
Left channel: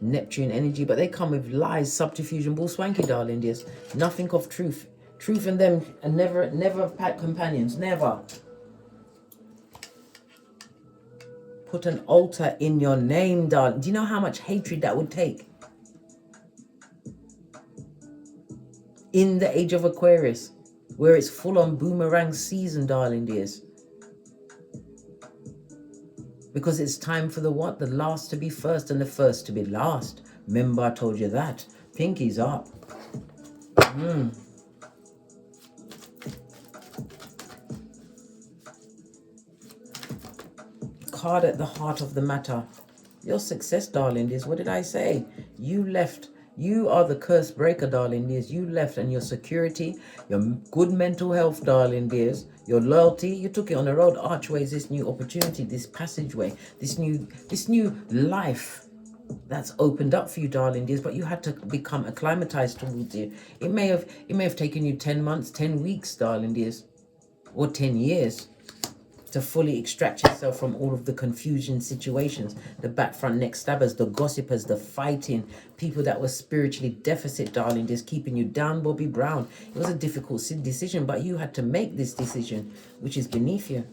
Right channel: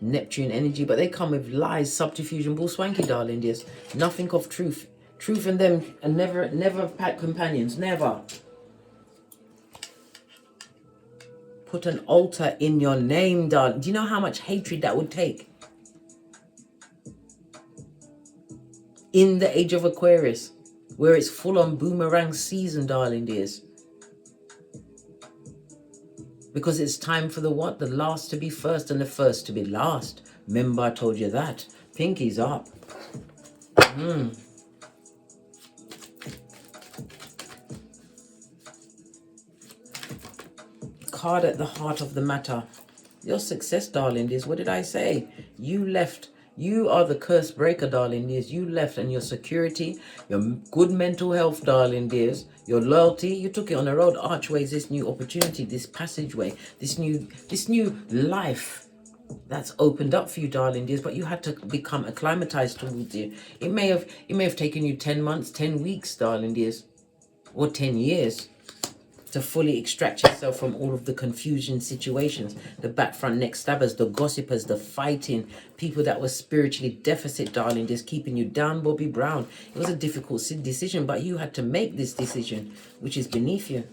Neptune energy, but they come with lies, subterfuge, and bull swanky, darling dears. Nothing of truth. Truth and them are never pack companions. Never. Put an altar in your name, darling. Do you know how much hatred that would take? In the age of Aquarius, where it's full on boomerang season, darling dears. Because it's time for the what? The last to be first and the first to be last. Remember I told you that. Pinky's up. Card at the heart of the matter. Your success, darling dears. What did I say? You left. You are the curse breaker, darling dears. You left, and your security, your good mental health, darling dears, your loyalty, you took it on the road. Archways, this new opportunity, this passageway, this new life that's opened up for you, darling dears. But you had to become acclimatized towards it. It may have taken you 10 months, 10 weeks, darling dears, or 10 years. To fully extract yourself from all of the confusion situations, the back front neck stabbers, the gossipers, the fighting, people that were spiritually deficit, darling, just keeping you down, Bobby Brown. It was a difficult decision, but you had to make this decision, which is beneath you.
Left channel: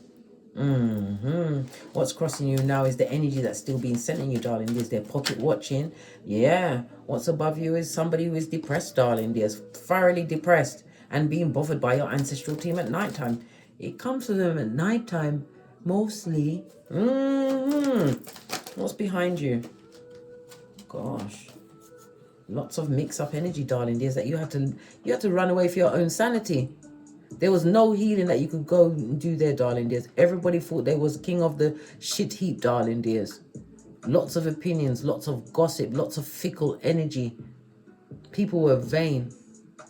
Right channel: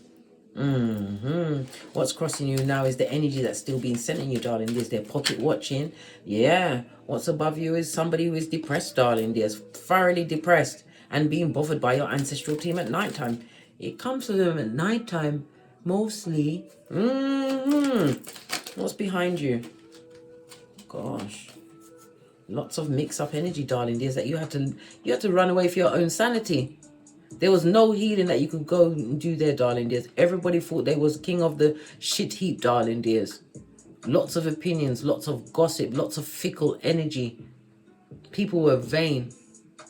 What's crossing you now is the energy that's still being sent in you, darling. There's their pocket watching. Yeah. What's above you is somebody who is depressed, darling. There's thoroughly depressed and being bothered by your ancestral team at nighttime. It comes to them at nighttime, mostly. What's behind you? Gosh. Lots of mix-up energy, darling. There's that you had to run away for your own sanity. There was no healing that you could go and do there, darling dears. Everybody thought they was king of the shit heap, darling dears. Lots of opinions, lots of gossip, lots of fickle energy. People were vain.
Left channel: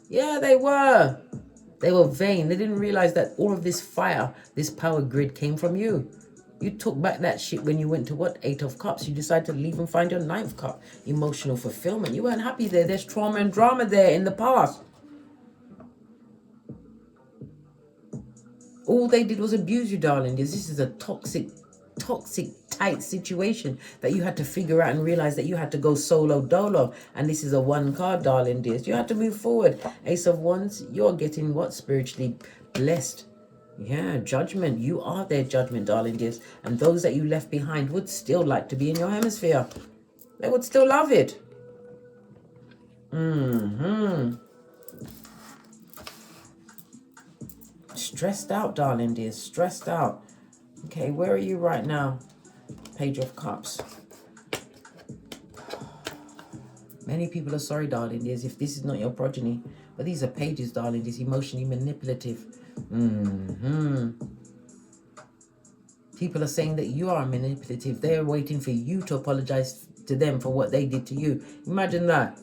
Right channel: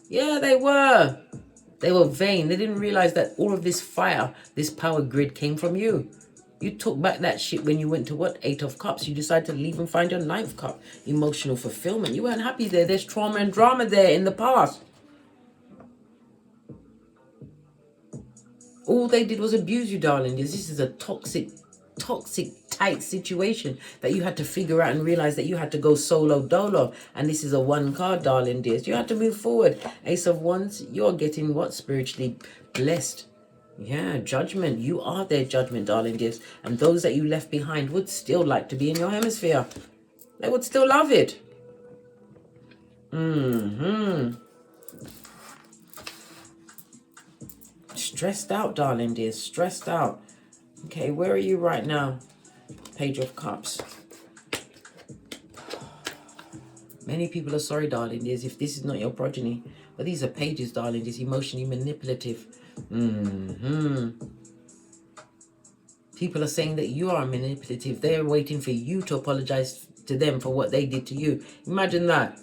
Yeah, they were. They were vain. They didn't realize that all of this fire, this power grid came from you. You took back that shit when you went to what? 8 of Cups. You decided to leave and find your 9th cup. Emotional fulfillment. You weren't happy there. There's trauma and drama there in the past. All they did was abuse you, darling. This is a toxic, tight situation that you had to figure out and realize that you had to go solo dolo. And this is a 1 card, darling dears. You had to move forward. Ace of Wands, you're getting what? Spiritually blessed. Yeah, judgment. You are their judgment, darling dears. And those that you left behind would still like to be in your hemisphere. They would still love it. Stressed out, darling dears. Stressed out. Okay, where are you right now? Page of Cups. Many people are sorry, darling dears, if this is not your progeny. But these are pages, darling dears. Emotionally manipulative. People are saying that you are manipulative. They are waiting for you to apologize to them for what they did to you. Imagine that.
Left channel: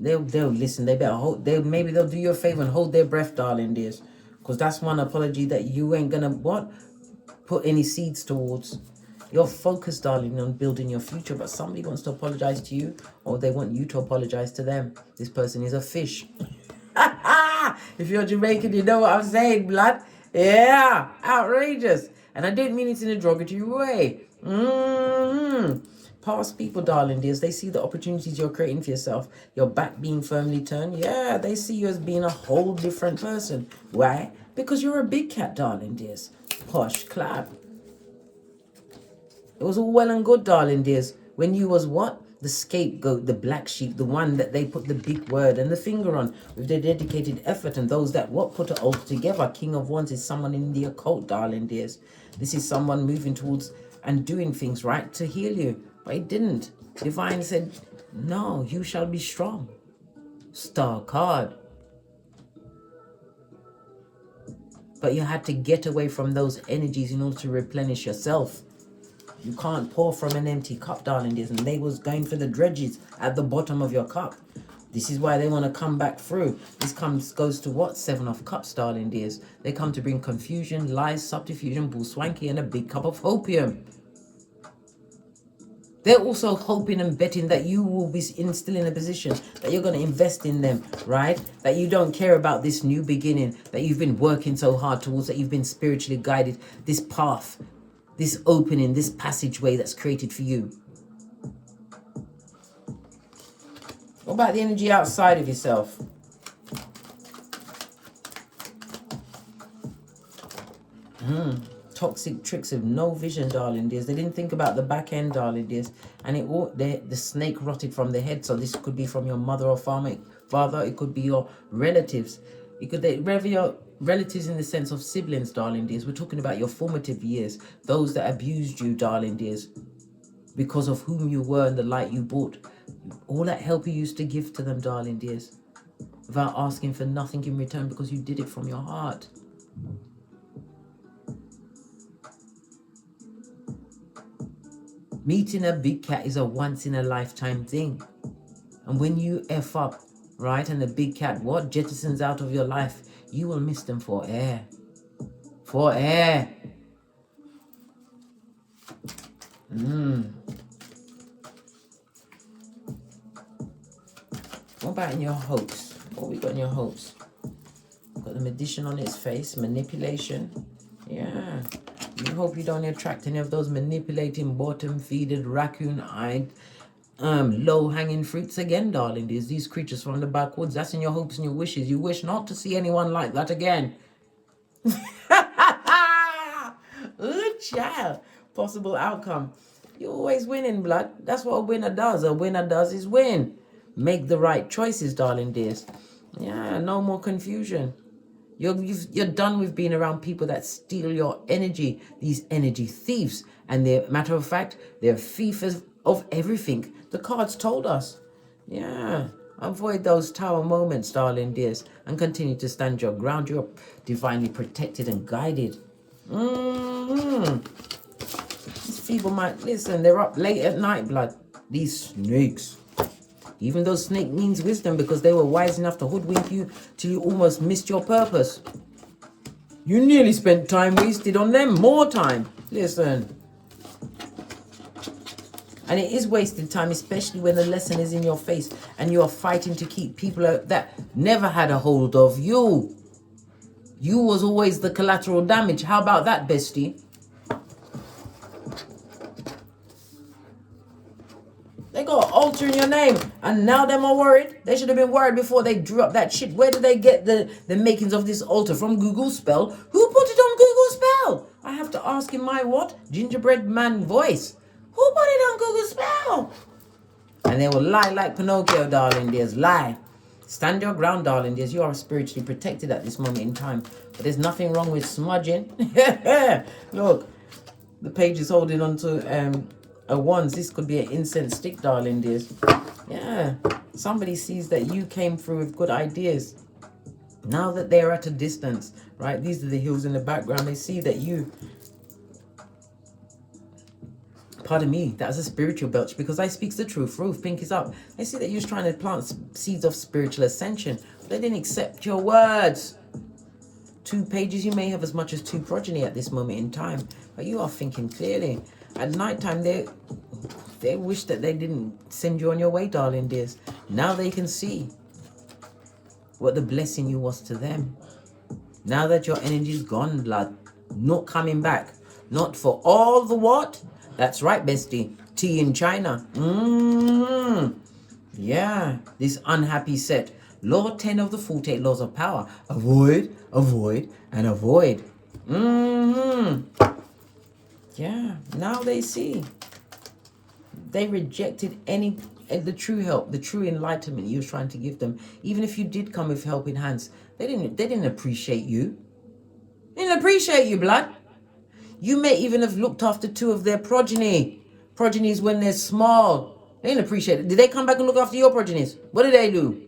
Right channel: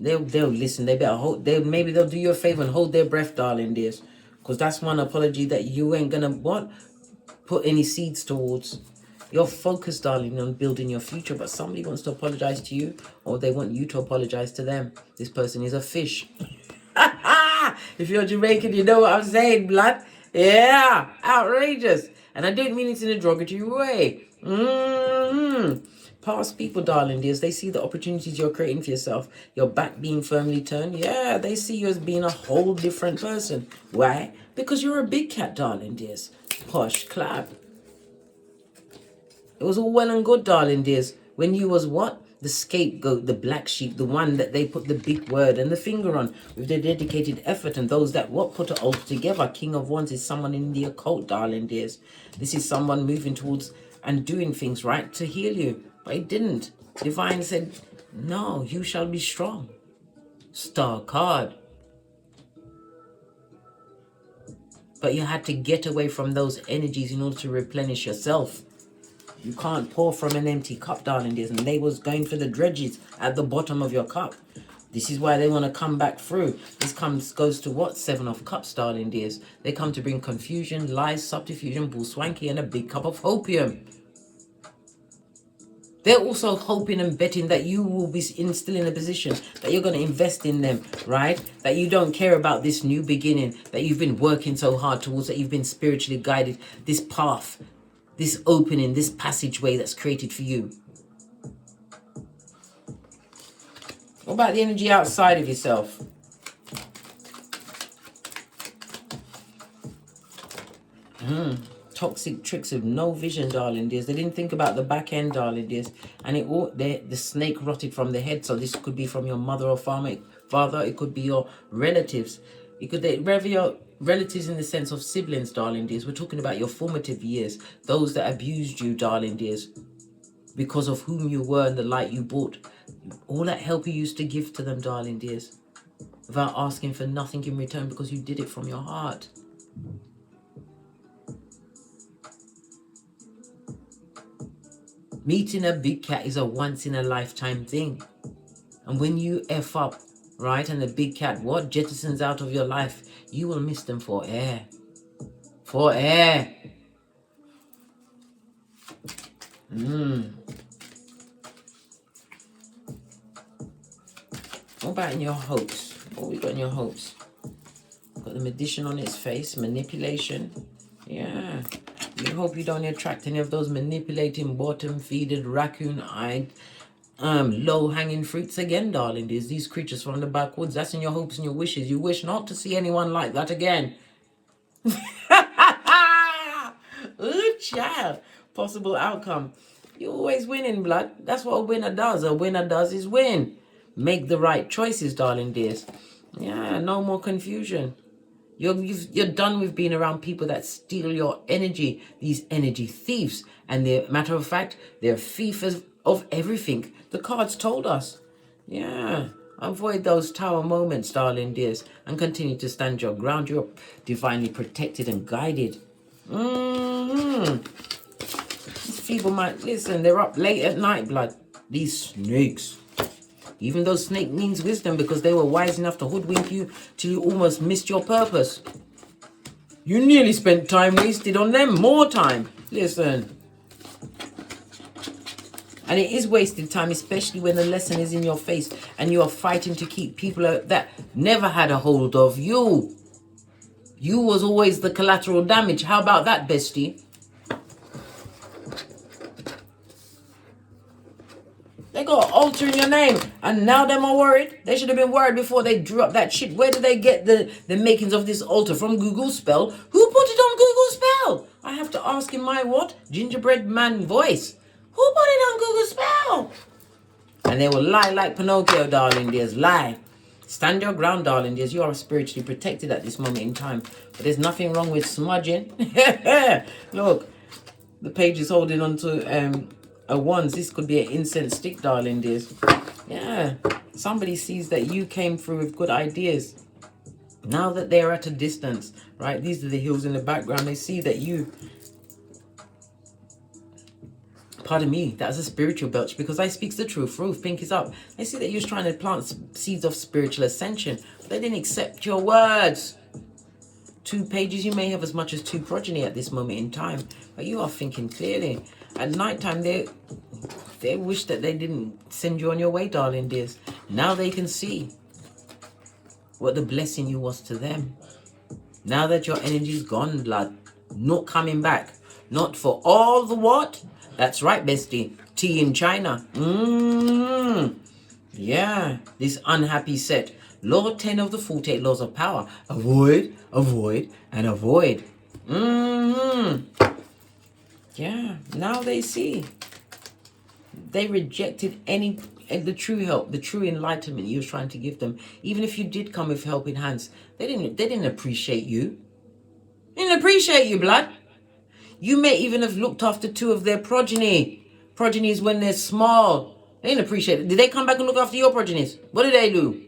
They'll listen. They better hold. Maybe they'll do you a favor and hold their breath, darling dears, because that's one apology that you ain't gonna put any seeds towards. You're focused, darling, on building your future, but somebody wants to apologize to you, or they want you to apologize to them. This person is a fish. If you're Jamaican, you know what I'm saying, blood. Yeah, outrageous. And I don't mean it in a derogatory way. Past people, darling dears, they see the opportunities you're creating for yourself. Your back being firmly turned. Yeah, they see you as being a whole different person. Why? Because you're a big cat, darling dears. Posh clap. It was all well and good, darling dears, when you was what? The scapegoat, the black sheep, the one that they put the big word and the finger on with their dedicated effort, and those that put it all together. King of Wands is someone in the occult, darling dears. This is someone moving towards and doing things right to heal you. But it didn't. Divine said, no, you shall be strong. Star card. But you had to get away from those energies in order to replenish yourself. You can't pour from an empty cup, darling dears. And they was going for the dredges at the bottom of your cup. This is why they want to come back through. This goes to what? 7 of Cups, darling dears. They come to bring confusion, lies, subterfuge, bull swanky, and a big cup of hopium. They're also hoping and betting that you will be still in a position that you're going to invest in them, right? That you don't care about this new beginning that you've been working so hard towards, that you've been spiritually guided, this path, this opening, this passageway that's created for you. What about the energy outside of yourself? Toxic tricks of no vision, darling dears. They didn't think about the back end, darling dears. And the snake rotted from the head. So this could be from your mother or father. It could be your relatives. It could be your relatives in the sense of siblings, darling dears. We're talking about your formative years. Those that abused you, darling dears, because of whom you were and the light you brought. All that help you used to give to them, darling dears, without asking for nothing in return, because you did it from your heart. Meeting a big cat is a once-in-a-lifetime thing. And when you F up, right, and the big cat, jettisons out of your life, you will miss them for air. For air. What about in your hopes? What we got in your hopes? Got the Magician on its face, manipulation. Yeah. You hope you don't attract any of those manipulating, bottom-feeded, raccoon-eyed, low-hanging fruits again, darling. There's these creatures from the backwoods. That's in your hopes and your wishes. You wish not to see anyone like that again. Ooh, child. Possible outcome. You're always winning, blood. That's what a winner does. A winner does is win. Make the right choices, darling dears. Yeah, no more confusion. You're done with being around people that steal your energy. These energy thieves. And they're, matter of fact, they're thieves of everything. The cards told us. Yeah. Avoid those tower moments, darling dears. And continue to stand your ground. You're divinely protected and guided. These people might, listen, they're up late at night, blood. These snakes. Even though snake means wisdom, because they were wise enough to hoodwink you till you almost missed your purpose. You nearly spent time wasted on them. More time. Listen. And it is wasted time, especially when the lesson is in your face and you are fighting to keep people that never had a hold of you. You was always the collateral damage. How about that, bestie? They got an altar in your name, and now them are worried. They should have been worried before they dropped that shit. Where did they get the makings of this altar? From Google Spell? Who put it on Google Spell? I have to ask in my what? Gingerbread man voice. Who put it on Google Spell? And they will lie like Pinocchio, darling dears. Lie. Stand your ground, darling dears. You are spiritually protected at this moment in time. But there's nothing wrong with smudging. Look, the page is holding on to a wands. This could be an incense stick, darling dears. Yeah. Somebody sees that you came through with good ideas. Now that they're at a distance, right? These are the hills in the background. They see that you... Pardon me, that's a spiritual belch because I speaks the truth. Ruth, pink is up. They see that you're trying to plant seeds of spiritual ascension. They didn't accept your words. 2 pages, you may have as much as 2 progeny at this moment in time, but you are thinking clearly. At night time, they wish that they didn't send you on your way, darling dears. Now they can see what the blessing you was to them. Now that your energy's gone, blood, not coming back. Not for all the what? That's right, bestie. Tea in China. Yeah, this unhappy set. Law 10 of the 48 laws of power. Avoid, avoid, and avoid. Yeah, now they see. They rejected the true help, the true enlightenment you was trying to give them. Even if you did come with helping hands, they didn't appreciate you. They didn't appreciate you, blood. You may even have looked after 2 of their progenies when they're small. They didn't appreciate it. Did they come back and look after your progenies? What did they do?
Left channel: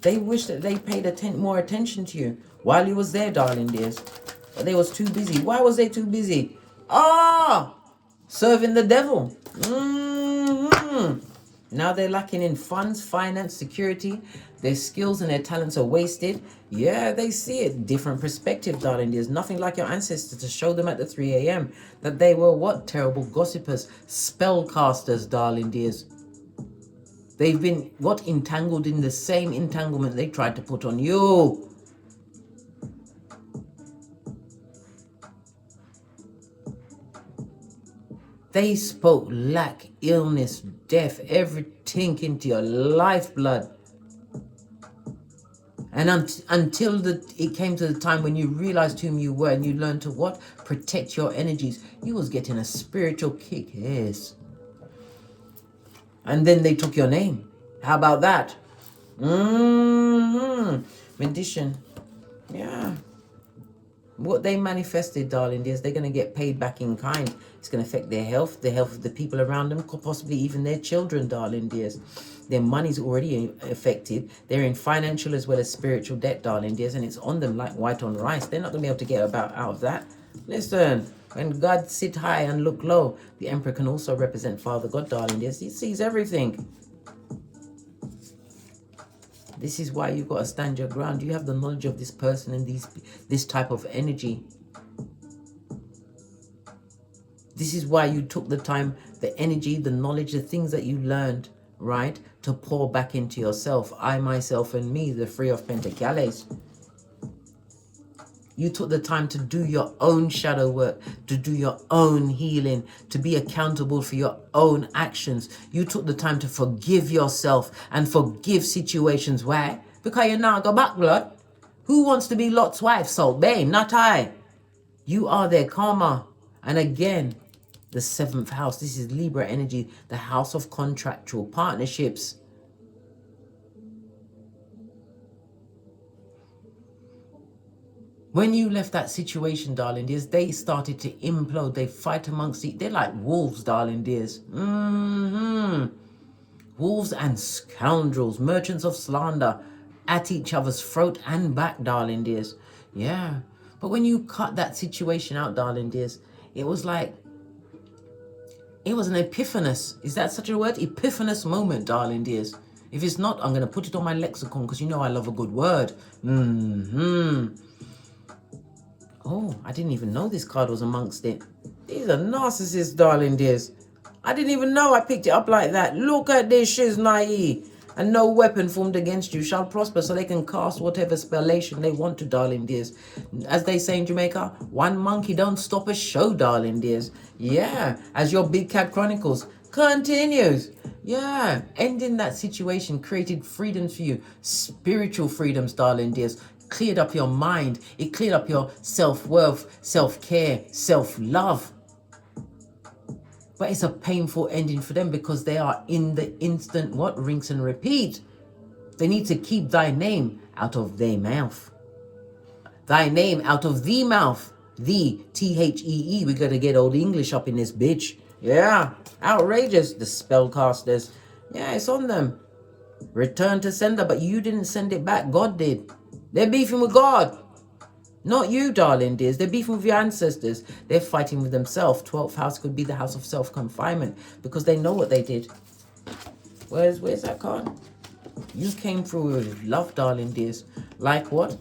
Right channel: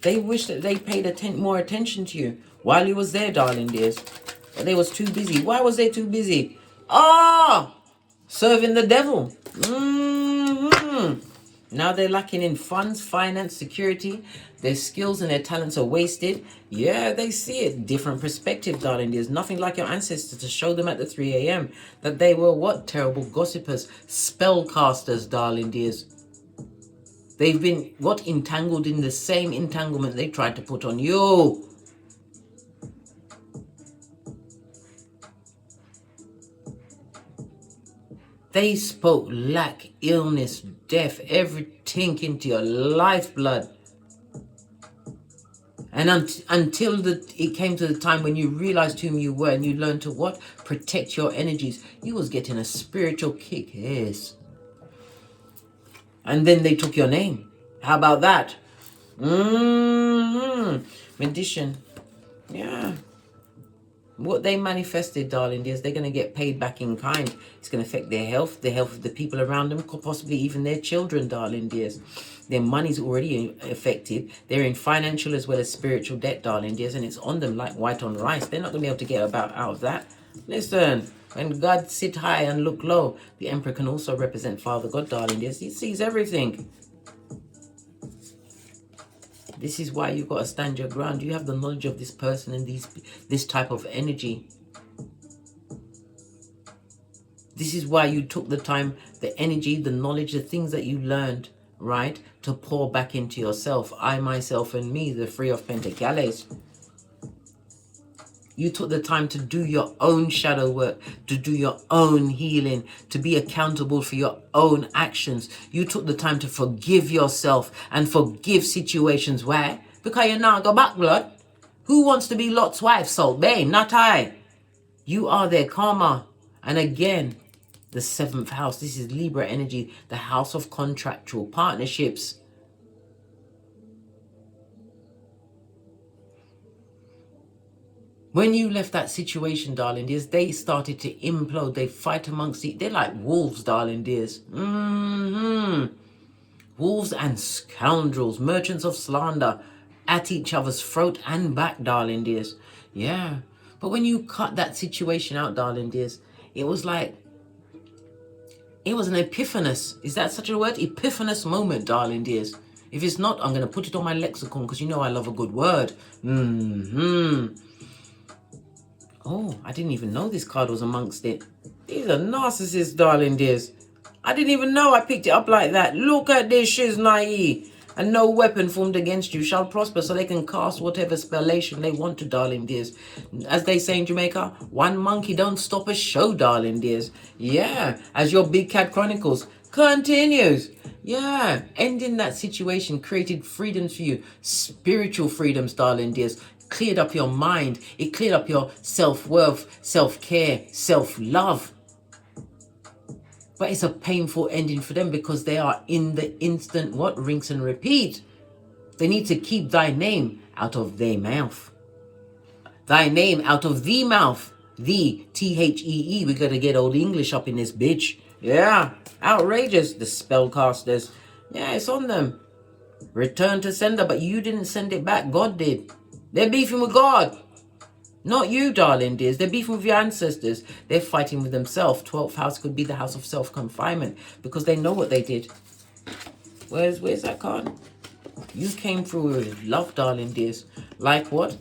They wish that they paid more attention to you while you was there, darling dears. But they was too busy. Why was they too busy? Serving the devil. Now they're lacking in funds, finance, security. Their skills and their talents are wasted. Yeah, they see it. Different perspective, darling. There's nothing like your ancestors to show them at the 3 a.m. that they were what? Terrible gossipers, spellcasters, darling dears. They've been what? Entangled in the same entanglement they tried to put on you. They spoke lack, illness, death, everything into your lifeblood. And until it came to the time when you realized whom you were and you learned to what? Protect your energies. You was getting a spiritual kick, yes. And then they took your name. How about that? Magician. Yeah. What they manifested, darling dears, they're going to get paid back in kind. It's going to affect their health, the health of the people around them, possibly even their children, darling dears. Their money's already affected. They're in financial as well as spiritual debt, darling dears, and it's on them like white on rice. They're not going to be able to get out of that. Listen, when God sit high and look low, the Emperor can also represent Father God, darling dears. He sees everything. This is why you've got to stand your ground. You have the knowledge of this person and this type of energy. This is why you took the time, the energy, the knowledge, the things that you learned, right, to pour back into yourself. I, myself, and me, the 3 of Pentacles. You took the time to do your own shadow work, to do your own healing, to be accountable for your own actions. You took the time to forgive yourself and forgive situations. Why? Because you now go back, blood. Who wants to be Lot's wife? Salt Bay, not I. You are their karma. And again, the 7th house. This is Libra energy, the house of contractual partnerships. When you left that situation, darling dears, they started to implode. They fight amongst they're like wolves, darling dears. Wolves and scoundrels, merchants of slander, at each other's throat and back, darling dears. Yeah. But when you cut that situation out, darling dears, it was like, it was an epiphanous. Is that such a word? Epiphanous moment, darling dears. If it's not, I'm going to put it on my lexicon because you know I love a good word. Oh, I didn't even know this card was amongst it. He's a narcissist, darling dears. I didn't even know I picked it up like that. Look at this, she's naive. And no weapon formed against you shall prosper, so they can cast whatever spellation they want to, darling dears. As they say in Jamaica, one monkey don't stop a show, darling dears. Yeah, as your Big Cat Chronicles continues. Yeah, ending that situation created freedoms for you. Spiritual freedoms, darling dears. Cleared up your mind. It cleared up your self-worth, self-care, self-love. But it's a painful ending for them because they are in the instant, what? Rinse and repeat. They need to keep thy name out of their mouth. Thy name out of the mouth. The T-H-E-E. We got to get old English up in this bitch. Yeah. Outrageous. The spellcasters. Yeah, it's on them. Return to sender, but you didn't send it back. God did. They're beefing with God. Not you, darling dears. They're beefing with your ancestors. They're fighting with themselves. 12th house could be the house of self-confinement because they know what they did. Where's that card? You came through with love, darling dears. Like what?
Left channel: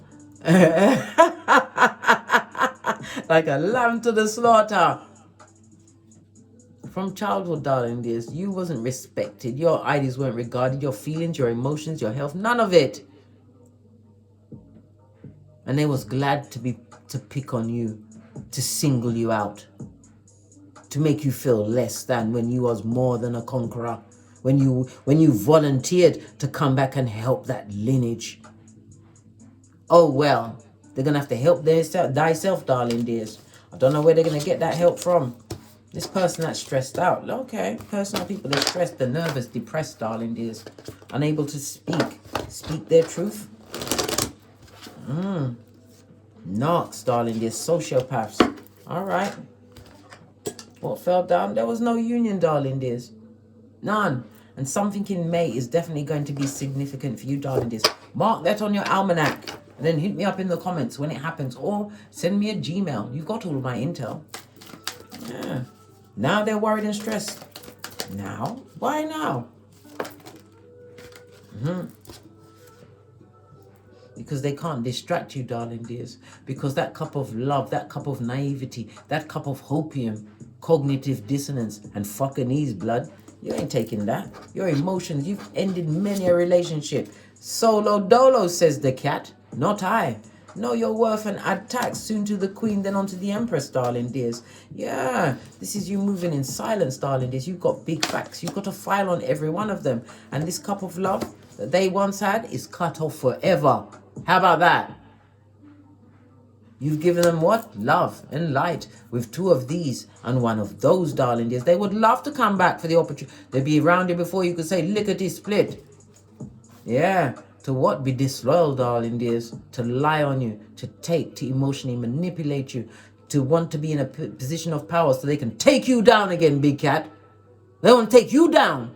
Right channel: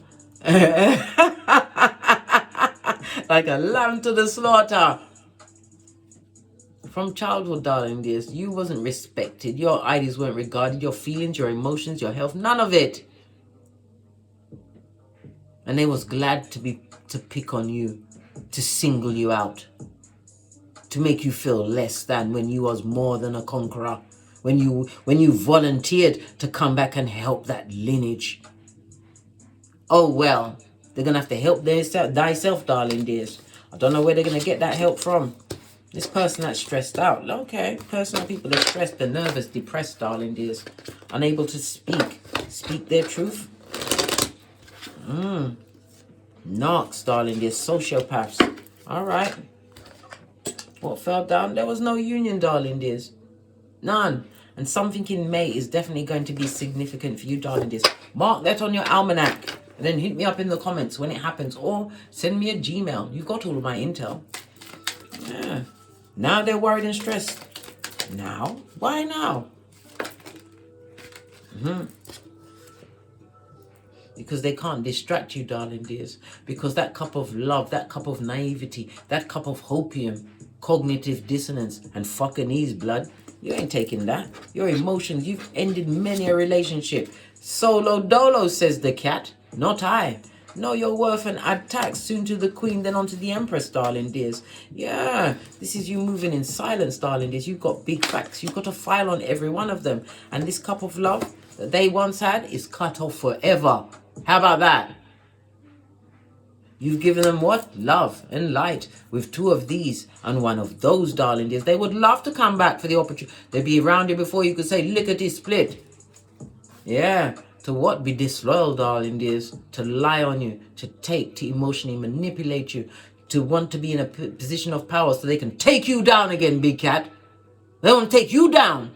Like a lamb to the slaughter. From childhood, darling dears, you wasn't respected. Your ideas weren't regarded. Your feelings, your emotions, your health, none of it. And they was glad to pick on you, to single you out, to make you feel less than when you was more than a conqueror, when you volunteered to come back and help that lineage. Oh well, they're gonna have to help thyself, darling dears. I don't know where they're gonna get that help from. This person that's stressed out. Okay, personal people are stressed, they're nervous, depressed, darling dears, unable to speak their truth. Narcs, darling, they're sociopaths. Alright. What fell down? There was no union, darling dears. None. And something in May is definitely going to be significant for you, darling dears. Mark that on your almanac. And then hit me up in the comments when it happens. Or send me a Gmail. You've got all of my intel. Yeah. Now they're worried and stressed. Now? Why now? Because they can't distract you, darling dears. Because that cup of love, that cup of naivety, that cup of hopium, cognitive dissonance, and fucking ease, blood, you ain't taking that. Your emotions, you've ended many a relationship. Solo dolo, says the cat. Not I. Know your worth and add tax, soon to the queen, then on to the empress, darling dears. Yeah, this is you moving in silence, darling dears. You've got big facts. You've got a file on every one of them. And this cup of love that they once had is cut off forever. How about that? You've given them what? Love and light with two of these and one of those, darling dears. They would love to come back for the opportunity. They'd be around you before you could say, lickety split. Yeah. To what? Be disloyal, darling dears. To lie on you. To take. To emotionally manipulate you. To want to be in a position of power so they can take you down again, big cat. They want to take you down.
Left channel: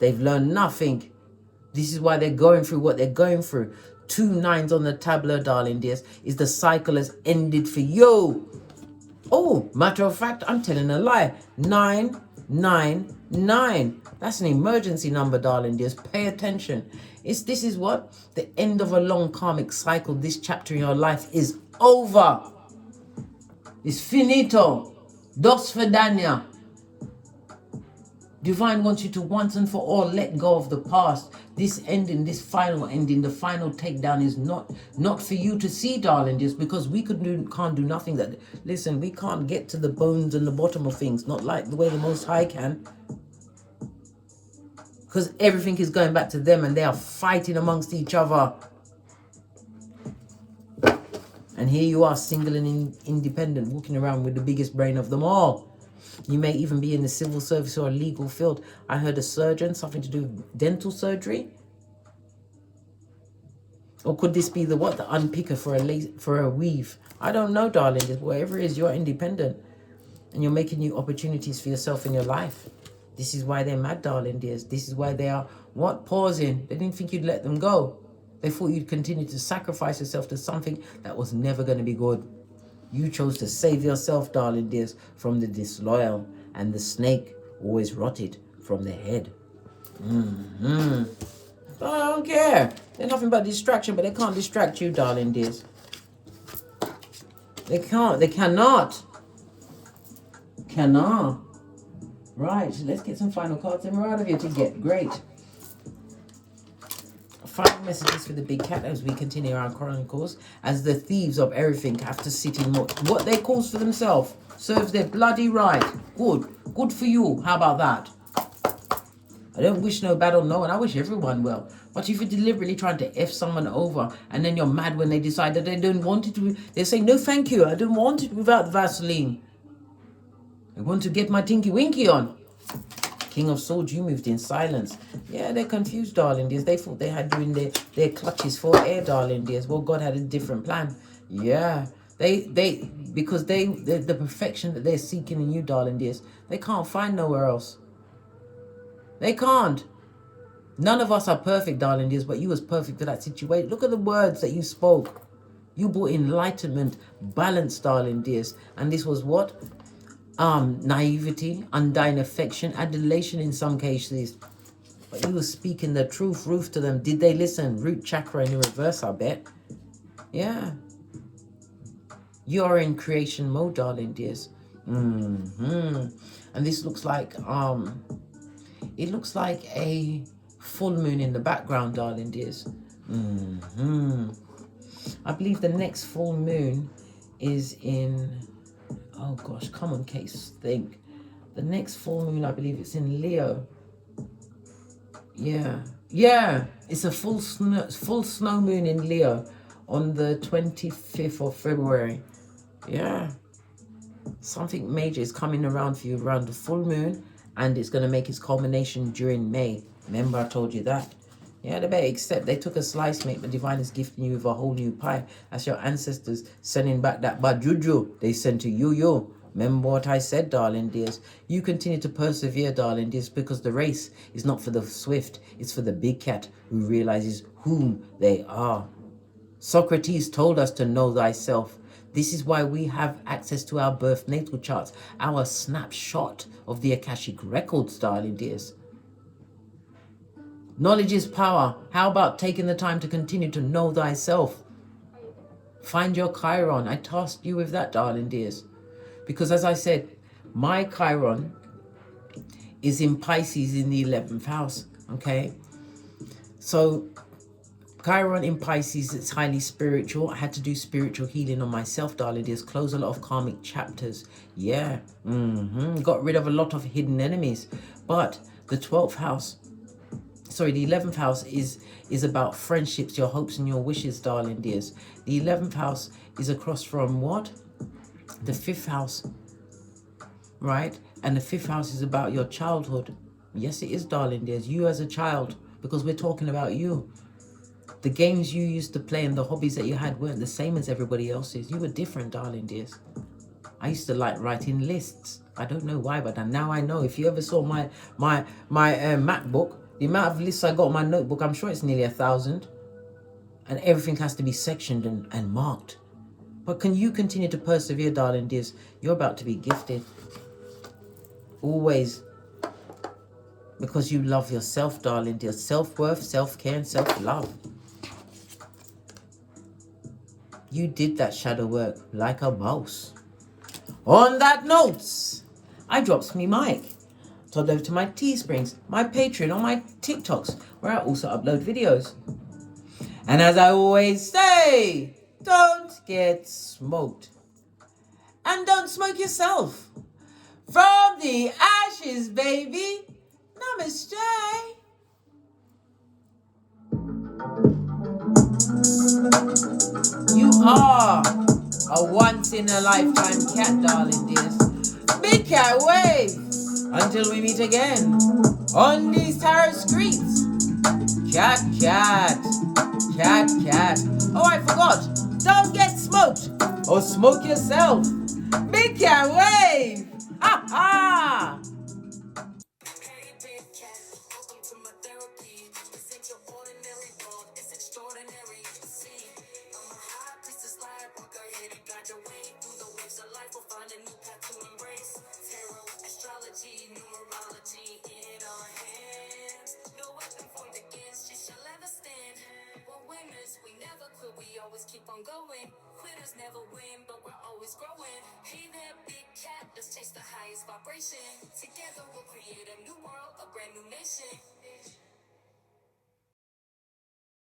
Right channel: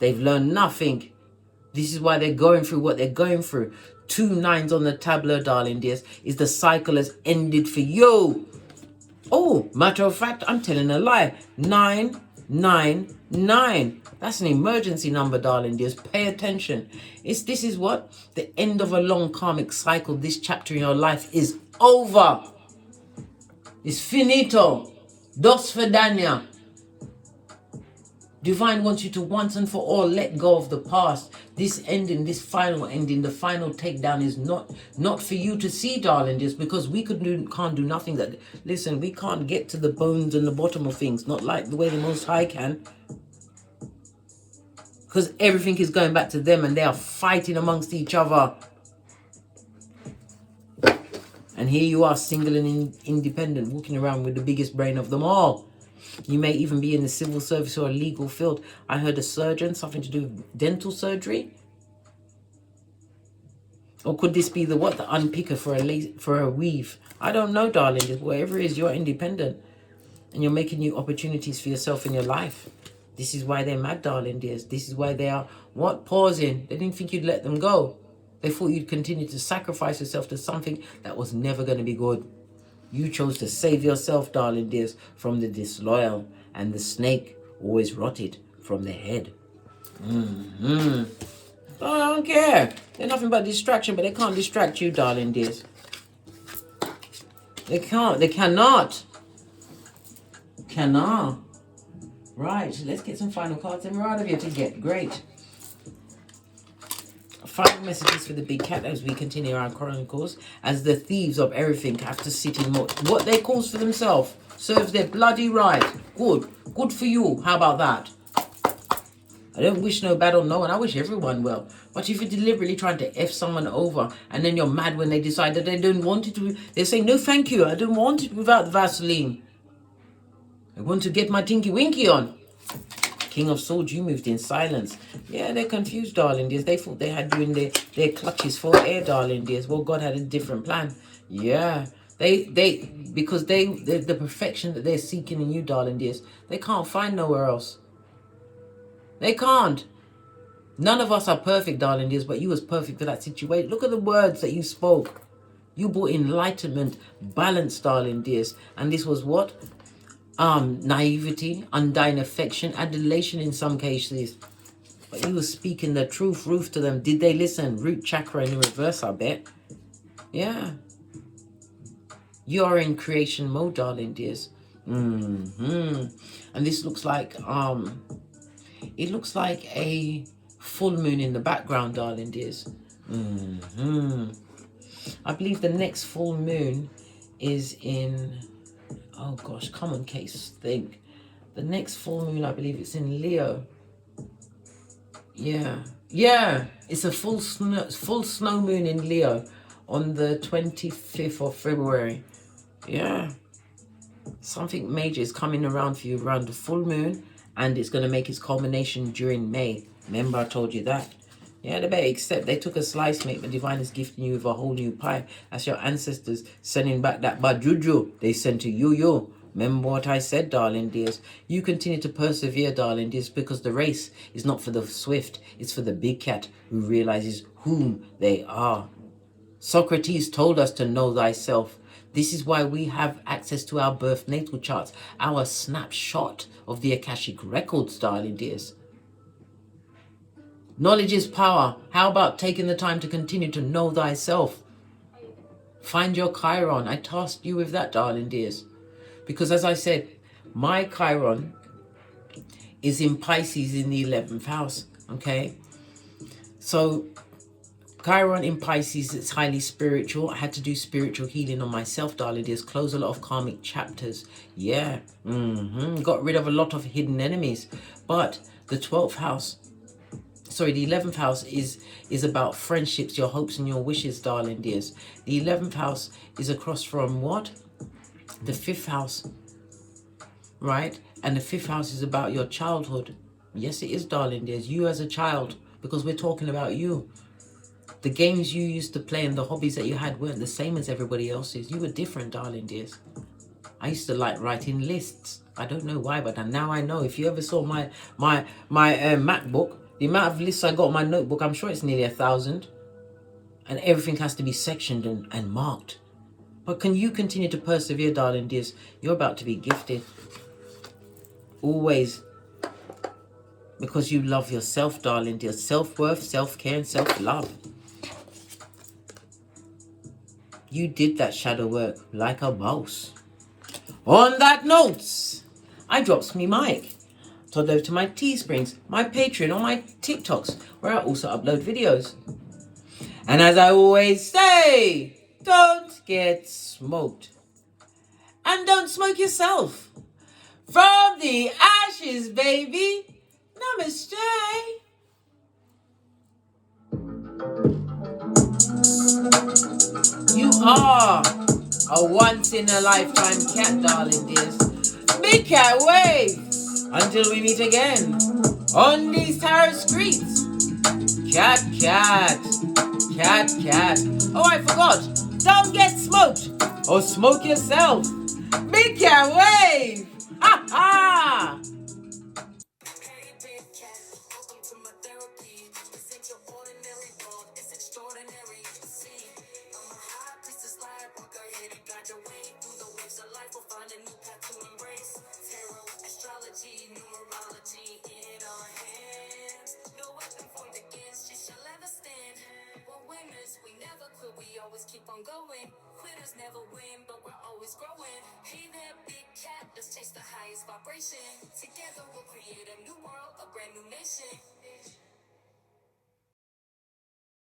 They've learned nothing. This is why they're going through what they're going through. 2 9s on the tableau, darling dears, is the cycle has ended for you. Oh, matter of fact, I'm telling a lie. 999. That's an emergency number, darling dears. Pay attention. This is what? The end of a long karmic cycle. This chapter in your life is over. It's finito. Dos Fedania. Divine wants you to once and for all let go of the past. This ending, this final ending, the final takedown is not for you to see, darling, just because we can't do nothing. That listen, we can't get to the bones and the bottom of things, not like the way the Most High can. Because everything is going back to them and they are fighting amongst each other. And here you are, single and independent, walking around with the biggest brain of them all. You may even be in the civil service or a legal field. I heard a surgeon, something to do with dental surgery. Or could this be the what? The unpicker for a weave? I don't know, darling. Whatever it is, you're independent. And you're making new opportunities for yourself in your life. This is why they're mad, darling dears. This is why they are, what? Pausing. They didn't think you'd let them go. They thought you'd continue to sacrifice yourself to something that was never going to be good. You chose to save yourself, darling dears, from the disloyal, and the snake always rotted from the head. I don't care. They're nothing but distraction, but they can't distract you, darling dears. They can't. They cannot. Cannot. Right. Let's get some final cards and we're out of here to get great. Final messages for the big cat as we continue our chronicles, as the thieves of everything have to sit in what they cause for themselves. Serves their bloody right. Good. Good for you. How about that? I don't wish no bad on no one. I wish everyone well. But if you're deliberately trying to F someone over and then you're mad when they decide that they don't want it, they say, no thank you, I don't want it without Vaseline. I want to get my tinky winky on. King of Swords, you moved in silence. Yeah, they're confused, darling dears. They thought they had you in their clutches for air, darling dears. Well, God had a different plan. Yeah. Because the perfection that they're seeking in you, darling dears, they can't find nowhere else. They can't. None of us are perfect, darling dears, but you was perfect for that situation. Look at the words that you spoke. You brought enlightenment, balance, darling dears. And this was what? Naivety, undying affection, adulation in some cases. But you were speaking the truth, Ruth, to them. Did they listen? Root chakra in the reverse, I bet. Yeah. You are in creation mode, darling dears. And this looks like, it looks like a full moon in the background, darling dears. I believe the next full moon is in... Oh gosh, come on, Case, think. The next full moon, I believe it's in Leo. Yeah, it's a full snow moon in Leo on the 25th of February. Yeah, something major is coming around for you around the full moon, and it's going to make its culmination during May. Remember I told you that? Yeah, they better accept. They took a slice, mate. The divine is gifting you with a whole new pie. That's your ancestors sending back that bad juju they sent to you. Remember what I said, darling dears. You continue to persevere, darling dears, because the race is not for the swift. It's for the big cat who realizes whom they are. Socrates told us to know thyself. This is why we have access to our birth natal charts, our snapshot of the Akashic records, darling dears. Knowledge is power. How about taking the time to continue to know thyself? Find your Chiron. I tasked you with that, darling dears. Because as I said, my Chiron is in Pisces in the 11th house. Okay? So, Chiron in Pisces, it's highly spiritual. I had to do spiritual healing on myself, darling dears. Close a lot of karmic chapters. Yeah. Got rid of a lot of hidden enemies. But the 12th house... Sorry, the 11th house is about friendships, your hopes and your wishes, darling dears. The 11th house is across from what? The 5th house, right? And the 5th house is about your childhood. Yes, it is, darling dears. You as a child, because we're talking about you. The games you used to play and the hobbies that you had weren't the same as everybody else's. You were different, darling dears. I used to like writing lists. I don't know why, but now I know. If you ever saw my MacBook, the amount of lists I got on my notebook, I'm sure it's nearly 1,000. And everything has to be sectioned and marked. But can you continue to persevere, darling dears? You're about to be gifted. Always. Because you love yourself, darling dears. Self-worth, self-care, and self-love. You did that shadow work like a boss. On that note, I drops me mic. Todd over to my Teesprings, my Patreon, or my TikToks, where I also upload videos. And as I always say, don't get smoked. And don't smoke yourself. From the ashes, baby. Namaste. You are a once-in-a-lifetime cat, darling dears. Big cat wave. Until we meet again on these tarot streets. Cat, cat. Cat, cat. Oh, I forgot. Don't get smoked or smoke yourself. Big cat wave. Ha ha. Hey, big cat, welcome to my therapy. This ain't your ordinary world, it's extraordinary. See, I'm a high priestess lightworker, here to guide your way through the waves of life. We'll find a new path to embrace. Tarot, astrology, numerology in our hands. persistence. We never quit, we always keep on going. Quitters never win, but we're always growing. Hey there, big cat, let's chase the highest vibration. Together we'll create a new world, a brand new nation.